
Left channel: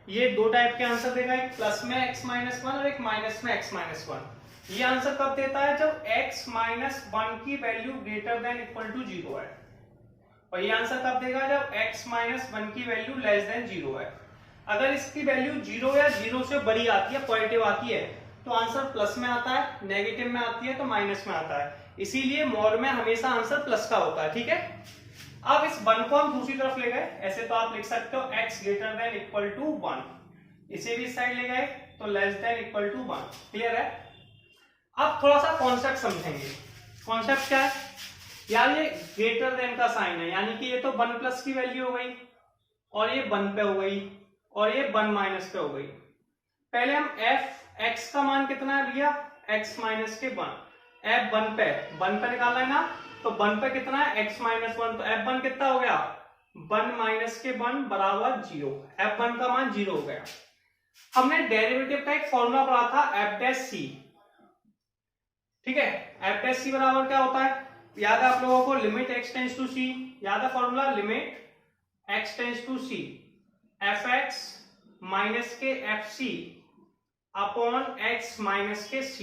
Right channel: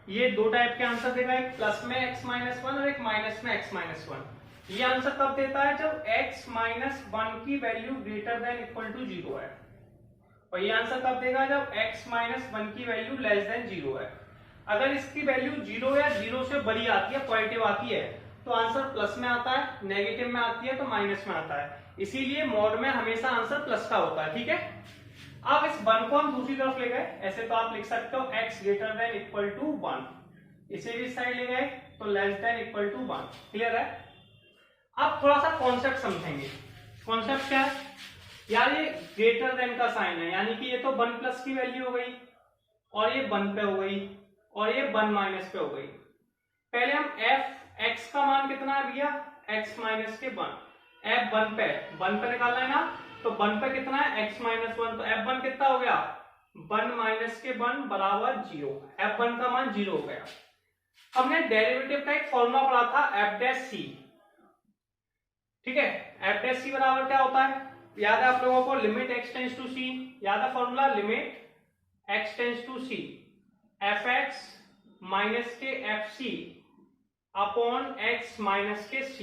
ये दो टाइप के आंसर देगा, एक प्लस में x माइनस 1 और एक माइनस में x माइनस 1। ये आंसर कब देता है, जब x माइनस 1 की value greater than equal to 0 है। और ये आंसर कब देगा, जब x माइनस 1 की वैल्यू लेस देन 0 है। अगर इसकी वैल्यू 0 या 0 से बड़ी आती है, पॉजिटिव आती है, तो आंसर प्लस में आता है, नेगेटिव में आती है तो माइनस में आता है। इसीलिए मॉड में हमेशा आंसर प्लस का होता है। ठीक है, अब इस 1 को हम दूसरी तरफ ले गए, ऐसे तो आप लिख सकते हो x greater than equal to 1। इसे भी इस साइड ले गए तो less than equal to 1। Clear है। अब थोड़ा सा कॉन्सेप्ट समझेंगे। कॉन्सेप्ट क्या है यार, ये ग्रेटर देन का साइन है, यानी कि ये तो 1 प्लस की वैल्यू हो गई और ये 1 पे हो गई और ये 1 माइनस पे हो गई। पहले हम f x का मान कितना है भैया, x माइनस के 1, f 1 पे निकालना है ना, तो 1 पे कितना है, x माइनस 1, तो f1 कितना हो गया, 1 माइनस के 1 बराबर 0। f1 का मान 0 हो गया। हमने डेरिवेटिव का एक फॉर्मूला पढ़ा था f डैश c। ठीक है, f डैश c बराबर क्या होता है, याद है आप लोगों को, limit x tends to c, याद है फॉर्मूला, limit x tends to c fx minus के fc अपॉन x माइनस के c।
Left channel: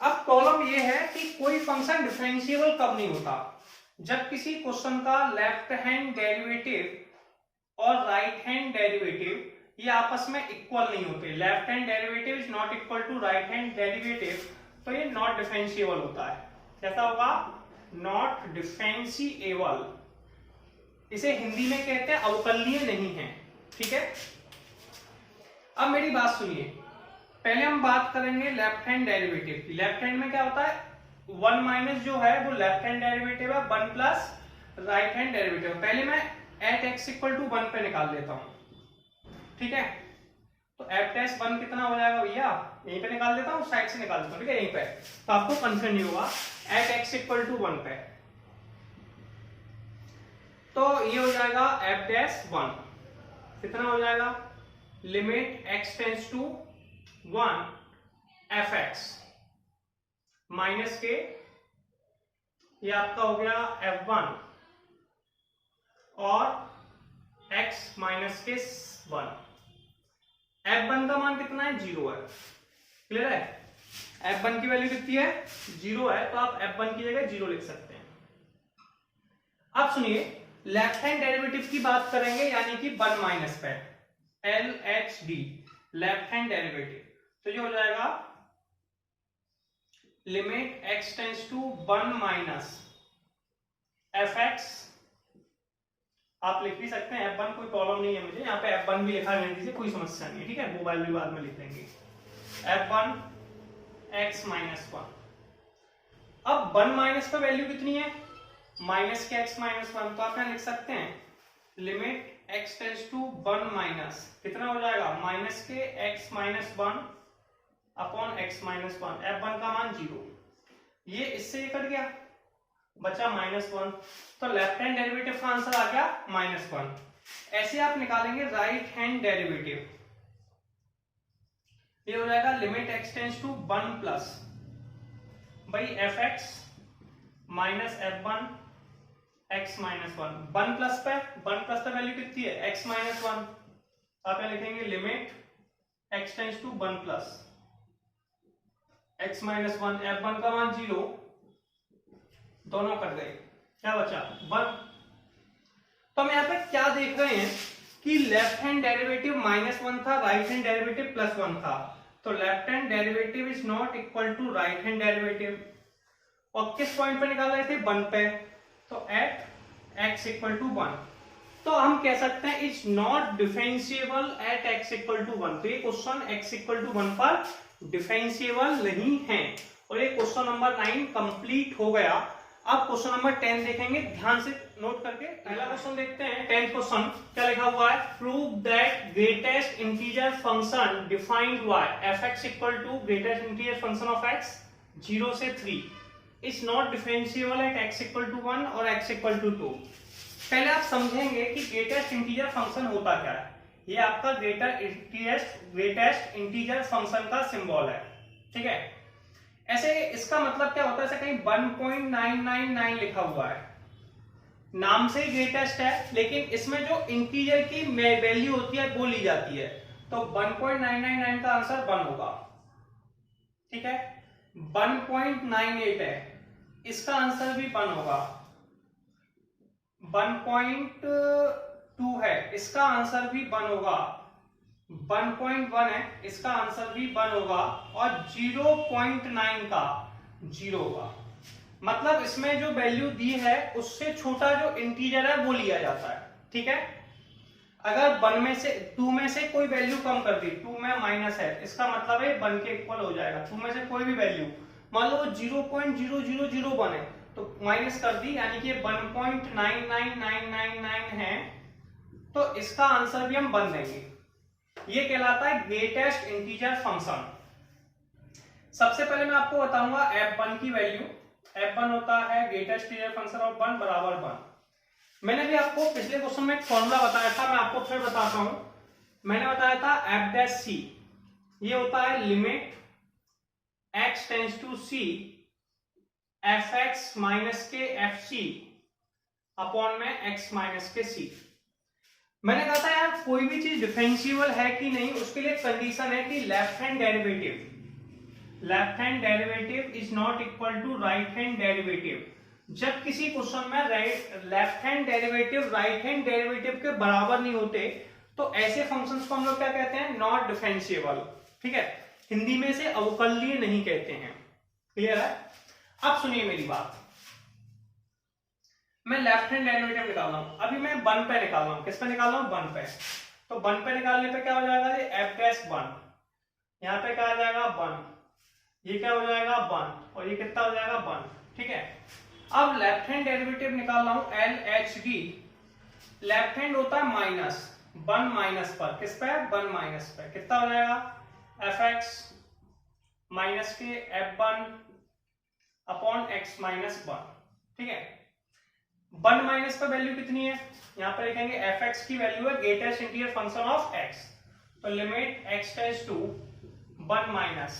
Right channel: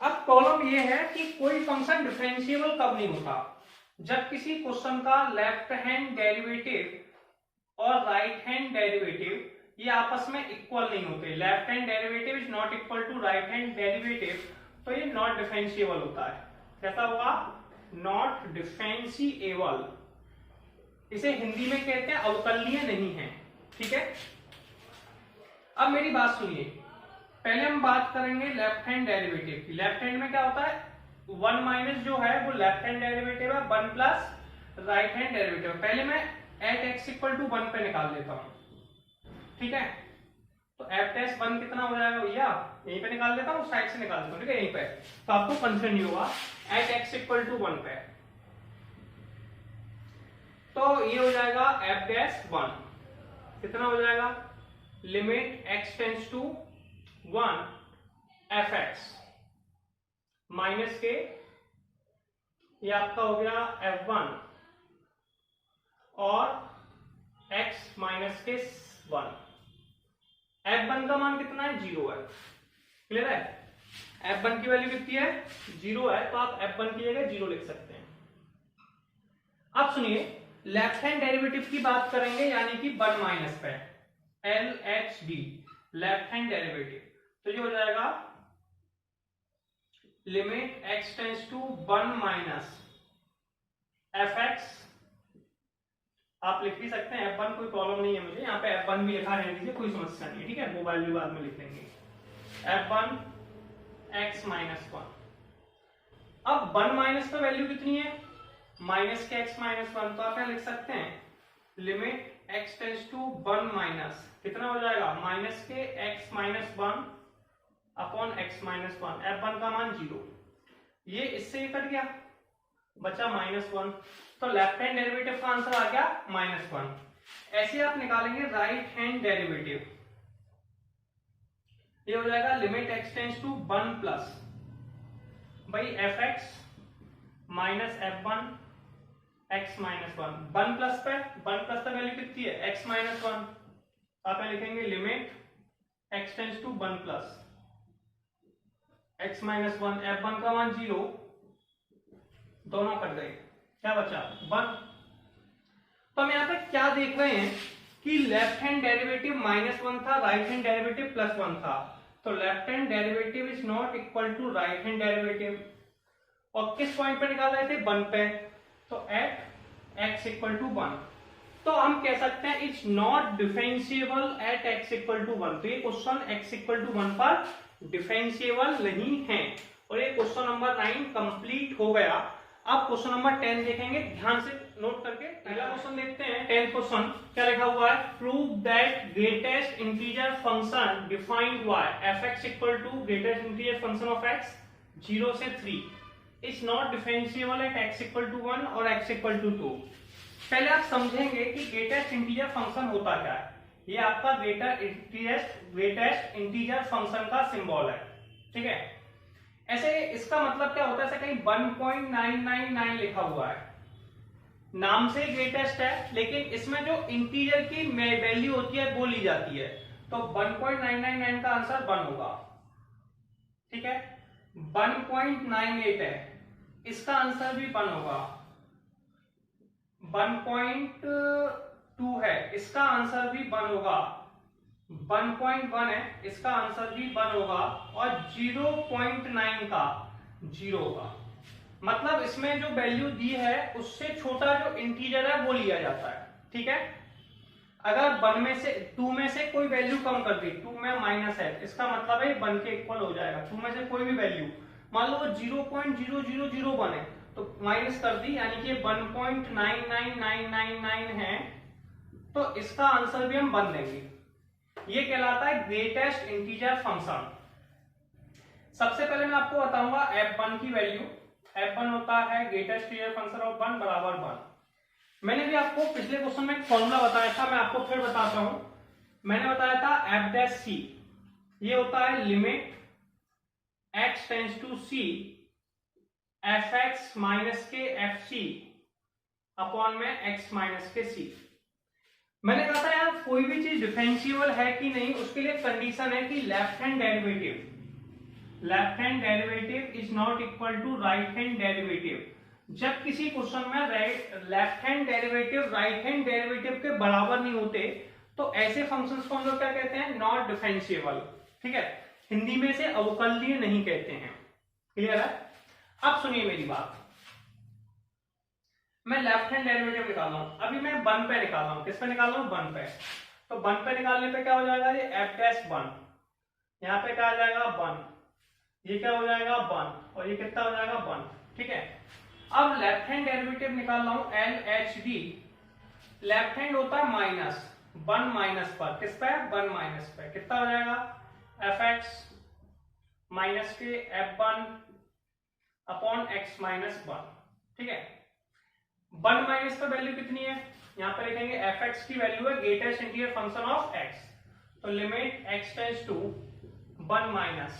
अब प्रॉब्लम ये है कि कोई फंक्शन डिफरेंशिएबल कब नहीं होता, जब किसी क्वेश्चन का लेफ्ट हैंड डेरिवेटिव और राइट हैंड डेरिवेटिव ये आपस में इक्वल नहीं होते। Left hand derivative is not equal to right hand derivative, तो ये नॉट डिफरेंशिएबल होता है। कैसा होगा, नॉट डिफरेंशिएबल। इसे हिंदी में कहते हैं अवकलनीय नहीं है। ठीक है, अब मेरी बात सुनिए, पहले हम बात करेंगे लेफ्ट हैंड डेरिवेटिव की। लेफ्ट हैंड में क्या होता है, 1 माइनस जो है वो लेफ्ट हैंड डेरिवेटिव है, 1 प्लस राइट हैंड डेरिवेटिव। पहले मैं एट x इक्वल टू 1 पे निकाल देता हूं। ठीक है, तो f डैश 1 कितना हो जाएगा भैया, यहीं पे निकाल देता हूं, साइड से निकाल देता हूं। ठीक है, यहीं पे, तो आपको कंफ्यूजन नहीं होगा। एट x इक्वल टू 1 पे तो ये हो जाएगा एफ डैश 1, कितना हो जाएगा, limit x tends to 1 f x minus के, ये आपका हो गया f1 और x माइनस के 1। f1 का मान कितना है, 0 है, क्लियर है। f1 की वैल्यू कितनी है, 0 है, तो आप f1 की जगह 0 लिख सकते हैं। अब सुनिए, लेफ्ट हैंड डेरिवेटिव की बात करेंगे, यानी कि 1 माइनस पे LHD लेफ्ट हैंड डेरिवेटिव, तो ये हो जाएगा limit x tends to 1 minus f x, आप लिख भी सकते हैं f1, कोई प्रॉब्लम नहीं है मुझे, यहाँ पे f1 भी लिखा रहने दीजिए, कोई समस्या नहीं है, ठीक है, वो वैल्यू बाद में लिख लेंगे, f1 x माइनस 1। अब 1 माइनस का वैल्यू कितनी है, माइनस के x माइनस 1, तो आप यहाँ लिख सकते हैं limit x tends to 1 minus, कितना हो जाएगा, माइनस के x minus 1 upon x minus 1, f1 का मान 0, ये इससे कट गया, बचा -1, तो लेफ्ट हैंड डेरिवेटिव का आंसर आ गया -1। ऐसे आप निकालेंगे राइट हैंड डेरिवेटिव, ये हो जाएगा limit x tends to 1 plus भाई f x minus f1 x minus 1, 1 plus पे 1 प्लस पे वैल्यू कितनी है, x माइनस 1, आप यहाँ लिखेंगे limit x tends to 1 plus x minus 1, f1 का मान 0, दोनों कट गए, क्या बचा 1। तो हम यहाँ पे क्या देख रहे हैं कि लेफ्ट हैंड डेरिवेटिव -1 था, राइट हैंड डेरिवेटिव +1 था, तो left hand derivative is not equal to right hand derivative, और किस पॉइंट पे निकाल रहे थे, 1 पे, तो एट x इक्वल टू 1, तो हम कह सकते हैं it's not differentiable at x equal to 1, तो ये क्वेश्चन x इक्वल टू 1 पर डिफरेंशिएबल नहीं है, और ये क्वेश्चन नंबर 9 कंप्लीट हो गया। अब क्वेश्चन नंबर 10 देखेंगे, ध्यान से नोट करके। पहला क्वेश्चन देखते हैं, 10th क्वेश्चन, क्या लिखा हुआ है, prove that greatest integer function defined by f(x) equal to greatest integer function of x 0 से 3 is not differentiable at x equal to 1 और x इक्वल टू 2। पहले आप समझेंगे कि ग्रेटेस्ट इंटीजर फंक्शन होता क्या है, ये आपका ग्रेटेस्ट इंटीजर फंक्शन का सिंबल है, ठीक है। ऐसे इसका मतलब क्या होता है, ऐसे कहीं 1.999 लिखा हुआ है, नाम से ग्रेटेस्ट है, लेकिन इसमें जो इंटीजर की वैल्यू होती है वो ली जाती है, तो 1.999 का आंसर 1 होगा, ठीक है। 1.98 है, इसका आंसर भी 1 होगा। 1.2 है, इसका आंसर भी 1 होगा। 1.1 है, इसका आंसर भी 1 होगा, और 0.9 का 0 होगा। मतलब इसमें जो वैल्यू दी है उससे छोटा जो इंटीजर है वो लिया जाता है, ठीक है। अगर 1 में से 2 में से कोई वैल्यू कम कर दी, 2 में माइनस है, इसका मतलब है 1 के इक्वल हो जाएगा। 2 में से कोई भी वैल्यू, मान लो 0.0001 है, तो माइनस कर दी, यानी कि 1.99999 है, तो इसका आंसर भी हम 1 देंगे। ये कहलाता है ग्रेटेस्ट इंटीजर फंक्शन। सबसे पहले मैं आपको बताऊंगा f1 की वैल्यू। f1 होता है ग्रेटेस्ट इंटीजर फंक्शन ऑफ 1 बराबर 1। मैंने भी आपको पिछले क्वेश्चन में एक फॉर्मूला बताया था, मैं आपको फिर बताता हूं। मैंने बताया था f'(c), ये होता है limit x tends to c f(x) minus के fc अपॉन में x माइनस के c। मैंने कहा था यार कोई भी चीज डिफरेंशिएबल है कि नहीं, उसके लिए कंडीशन है कि left hand derivative is not equal to right hand derivative. जब किसी क्वेश्चन में left hand derivative right hand derivative के बराबर नहीं होते, तो ऐसे फंक्शंस को हम लोग क्या कहते हैं, नॉट डिफरेंशिएबल, ठीक है। हिंदी में से अवकलनीय नहीं कहते हैं, क्लियर है। अब सुनिए मेरी बात, मैं लेफ्ट हैंड डेरिवेटिव निकाल रहा हूं, अभी मैं 1 पे निकाल रहा हूं। किस पे निकाल रहा हूं, 1 पे। तो 1 पे निकालने पे क्या हो जाएगा, ये f'1, यहाँ पे क्या आ जाएगा 1, ये क्या हो जाएगा 1, और ये कितना हो जाएगा 1, ठीक है। अब लेफ्ट हैंड डेरिवेटिव निकाल रहा हूं LHD। लेफ्ट हैंड होता है -1 माइनस पर, किस पे, 1 माइनस पे, कितना हो जाएगा f(x) माइनस के f1 अपॉन x माइनस 1, ठीक है। 1 माइनस पर वैल्यू कितनी है, यहाँ पर लिखेंगे fx की वैल्यू है greatest integer function of x, तो limit x tends to 1 minus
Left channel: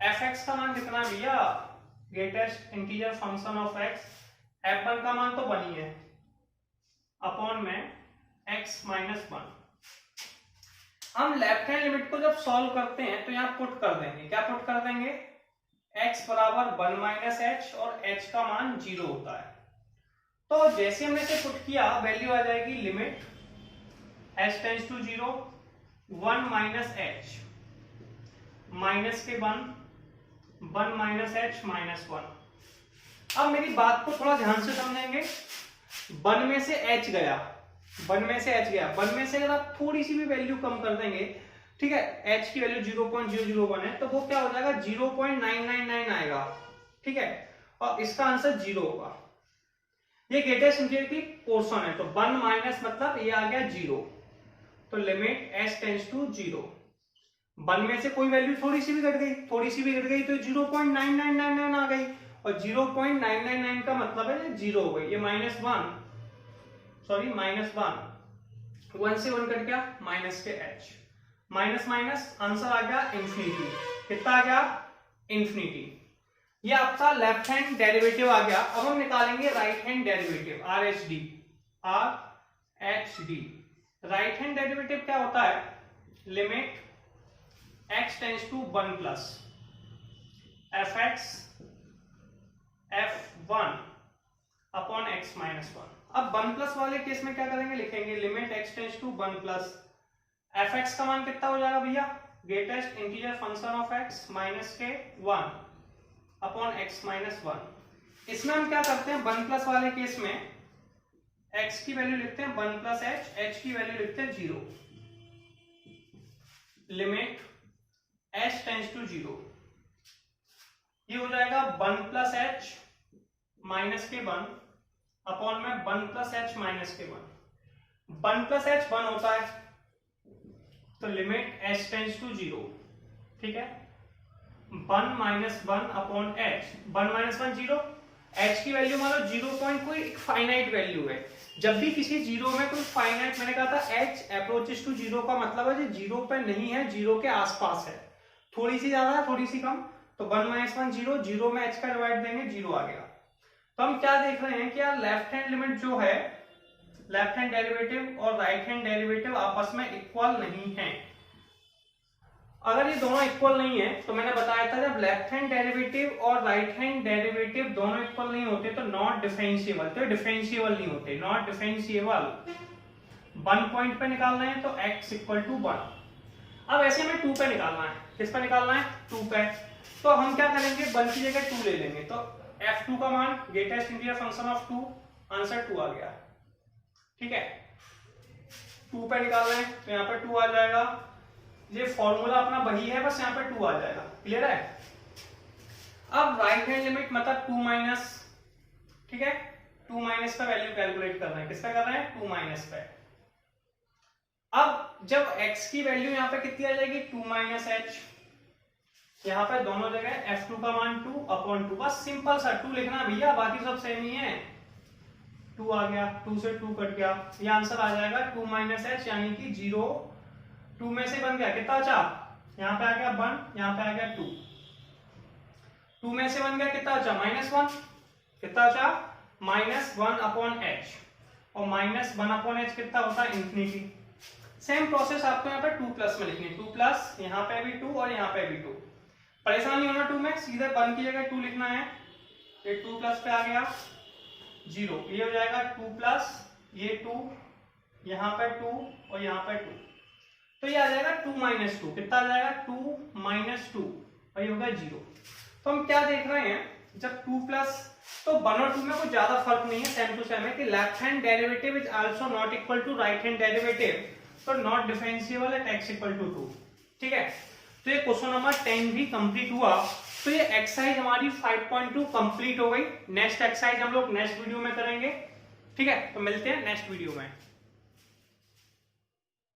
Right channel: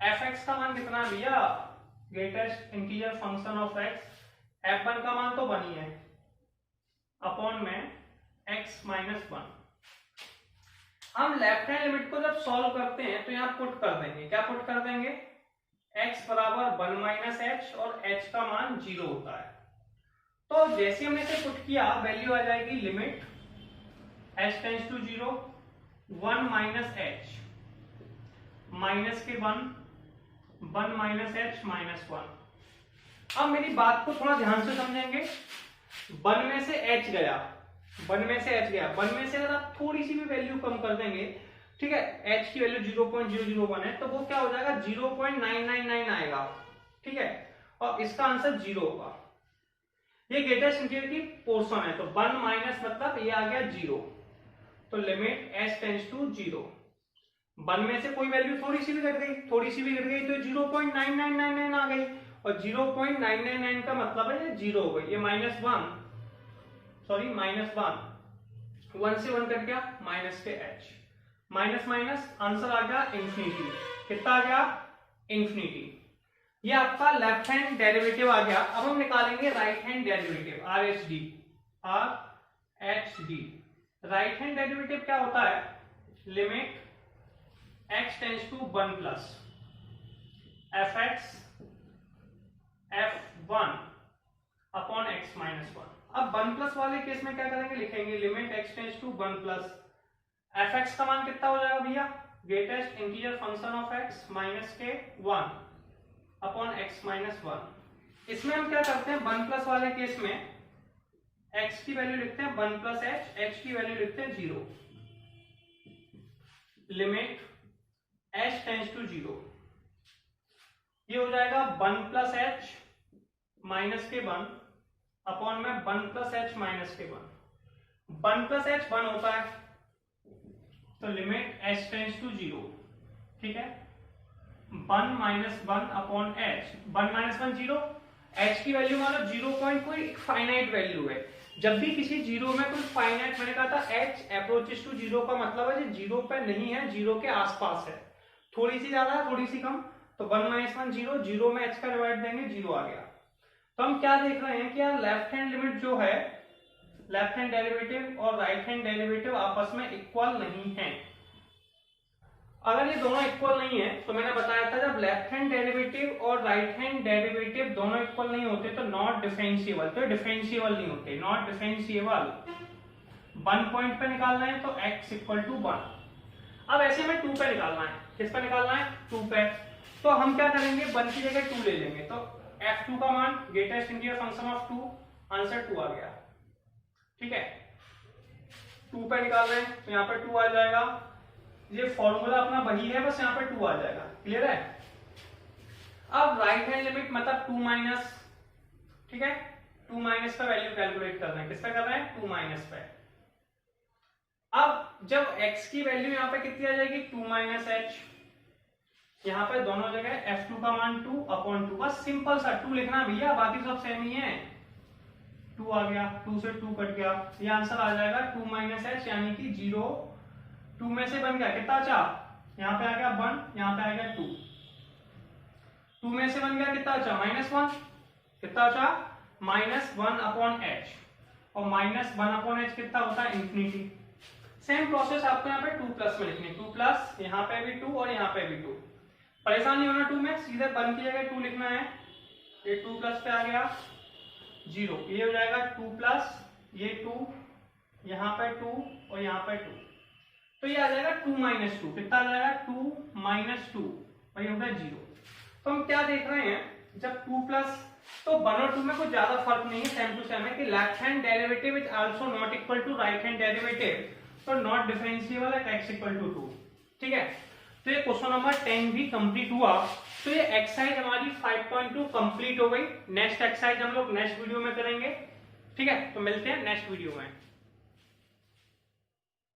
fx का मान कितना है भैया, greatest integer function of x, f1 का मान तो 1 ही है, अपॉन में x माइनस 1। हम लेफ्ट हैंड लिमिट को जब सॉल्व करते हैं तो यहाँ पुट कर देंगे, क्या पुट कर देंगे, x बराबर 1 माइनस एच और h का मान 0 होता है। तो जैसे हमने इसे पुट किया वैल्यू आ जाएगी limit h tends to 0 1 minus h minus के 1 माइनस एच माइनस 1। अब मेरी बात को थोड़ा ध्यान से समझेंगे, 1 में से h गया, 1 में से h गया, 1 में से अगर आप थोड़ी सी भी वैल्यू कम कर देंगे, ठीक है, h की वैल्यू 0.001 है तो वो क्या हो जाएगा 0.999 आएगा, ठीक है, और इसका आंसर 0 होगा। ये ग्रेटेस्ट इंटीजर की पोर्शन है, तो 1 माइनस मतलब ये आ गया 0, तो लिमिट h टेंड्स टू 0। 1 में से कोई वैल्यू थोड़ी सी भी घट गई, थोड़ी सी भी घट गई तो 0.9999 आ गई, और 0.999 का मतलब है ये 0 हो गई, ये माइनस 1 से 1 कट गया माइनस के h, माइनस माइनस आंसर आ गया इंफिनिटी, कितना आ गया इन्फिनिटी। ये आपका लेफ्ट हैंड डेरिवेटिव आ गया। अब हम निकालेंगे right hand derivative RHD। Right hand derivative क्या होता है, limit x tends to 1 plus fx f1 upon x minus 1। अब 1 प्लस वाले केस में क्या करेंगे, लिखेंगे limit x tends to 1 plus fx का मान कितना हो जाएगा भैया, greatest integer function of x minus के 1 अपॉन x माइनस 1। इसमें हम क्या करते हैं, 1 प्लस वाले केस में x की वैल्यू लिखते हैं 1 प्लस h की वैल्यू लिखते हैं 0, लिमिट h टेंड्स टू 0, ये हो जाएगा 1 प्लस h माइनस के 1 अपॉन में 1 प्लस h माइनस के 1। 1 प्लस h 1 होता है, तो लिमिट h टेंड्स टू 0, ठीक है, 1 minus 1 upon h, 1 minus 1 0, h की वैल्यू मान लो 0 कोई फाइनाइट वैल्यू है, जब भी किसी जीरो में कोई फाइनाइट, मैंने कहा था h अप्रोचेस टू 0 का मतलब है जो 0 पे नहीं है, 0 के आसपास है, थोड़ी सी ज्यादा है थोड़ी सी कम, तो 1 माइनस 1 0, 0 में h का डिवाइड देंगे 0 आ गया। तो हम क्या देख रहे हैं कि यार लेफ्ट हैंड लिमिट जो है, लेफ्ट हैंड डेरिवेटिव और राइट हैंड डेरिवेटिव आपस में इक्वल नहीं है। अगर ये दोनों इक्वल नहीं है तो मैंने बताया था जब लेफ्ट हैंड डेरिवेटिव और राइट हैंड डेरिवेटिव दोनों इक्वल नहीं होते तो नॉट डिफरेंशिएबल, तो डिफरेंशिएबल नहीं होते, नॉट डिफरेंशिएबल। 1 पॉइंट पे निकालना है तो x इक्वल टू 1। अब ऐसे हमें 2 पे निकालना है, किस पे निकालना है, 2 पे, तो हम क्या करेंगे 1 की जगह 2 ले लेंगे, तो f2 का मान greatest integer function of 2, answer 2 आ गया, ठीक है। 2 पे निकाल रहे हैं तो यहाँ पे 2 आ जाएगा, ये फॉर्मूला अपना वही है, बस यहाँ पे 2 आ जाएगा, क्लियर है। अब राइट हैंड लिमिट मतलब 2 माइनस, ठीक है, 2 माइनस पे वैल्यू कैलकुलेट कर रहे हैं, किस पे कर रहे हैं, 2 माइनस पे। अब जब x की वैल्यू यहाँ पे कितनी आ जाएगी, 2 माइनस h, यहाँ पे दोनों जगह f2 का मान 2 अपॉन 2, बस सिंपल सा 2 लिखना भैया, बाकी सब सेम ही है। 2 आ गया, 2 से 2 कट गया, ये आंसर आ जाएगा 2 माइनस h, यानी कि 0, 2 में से बन गया कितना बचा, यहाँ पे आ गया 1, यहाँ पे आ गया 2, 2 में से बन गया कितना बचा, माइनस 1, कितना बचा, माइनस 1 अपॉन h, और माइनस 1 अपॉन h कितना होता है, इंफिनिटी। सेम प्रोसेस आपको यहाँ पे 2 प्लस में लिखनी है, 2 प्लस, यहाँ पे भी 2 और यहाँ पे भी 2, परेशानी होना 2 में, सीधे 1 की जगह 2 लिखना है, ये 2 प्लस पे आ गया 0, ये हो जाएगा 2 प्लस, ये 2, यहाँ पे 2 और यहाँ पे 2, तो ये आ जाएगा 2 माइनस 2, कितना आ जाएगा 2 माइनस 2, और ये होगा 0। तो हम क्या देख रहे हैं, जब 2 प्लस, तो 1 और 2 में कोई ज्यादा फर्क नहीं है, सेम टू सेम है कि left hand derivative is also not equal to right hand derivative, तो not differentiable at x equal to 2, ठीक है। तो ये क्वेश्चन नंबर 10 भी कंप्लीट हुआ। तो ये एक्सरसाइज हमारी 5.2 कंप्लीट हो गई। नेक्स्ट एक्सरसाइज हम लोग नेक्स्ट वीडियो में करेंगे, ठीक है। तो मिलते हैं नेक्स्ट वीडियो में।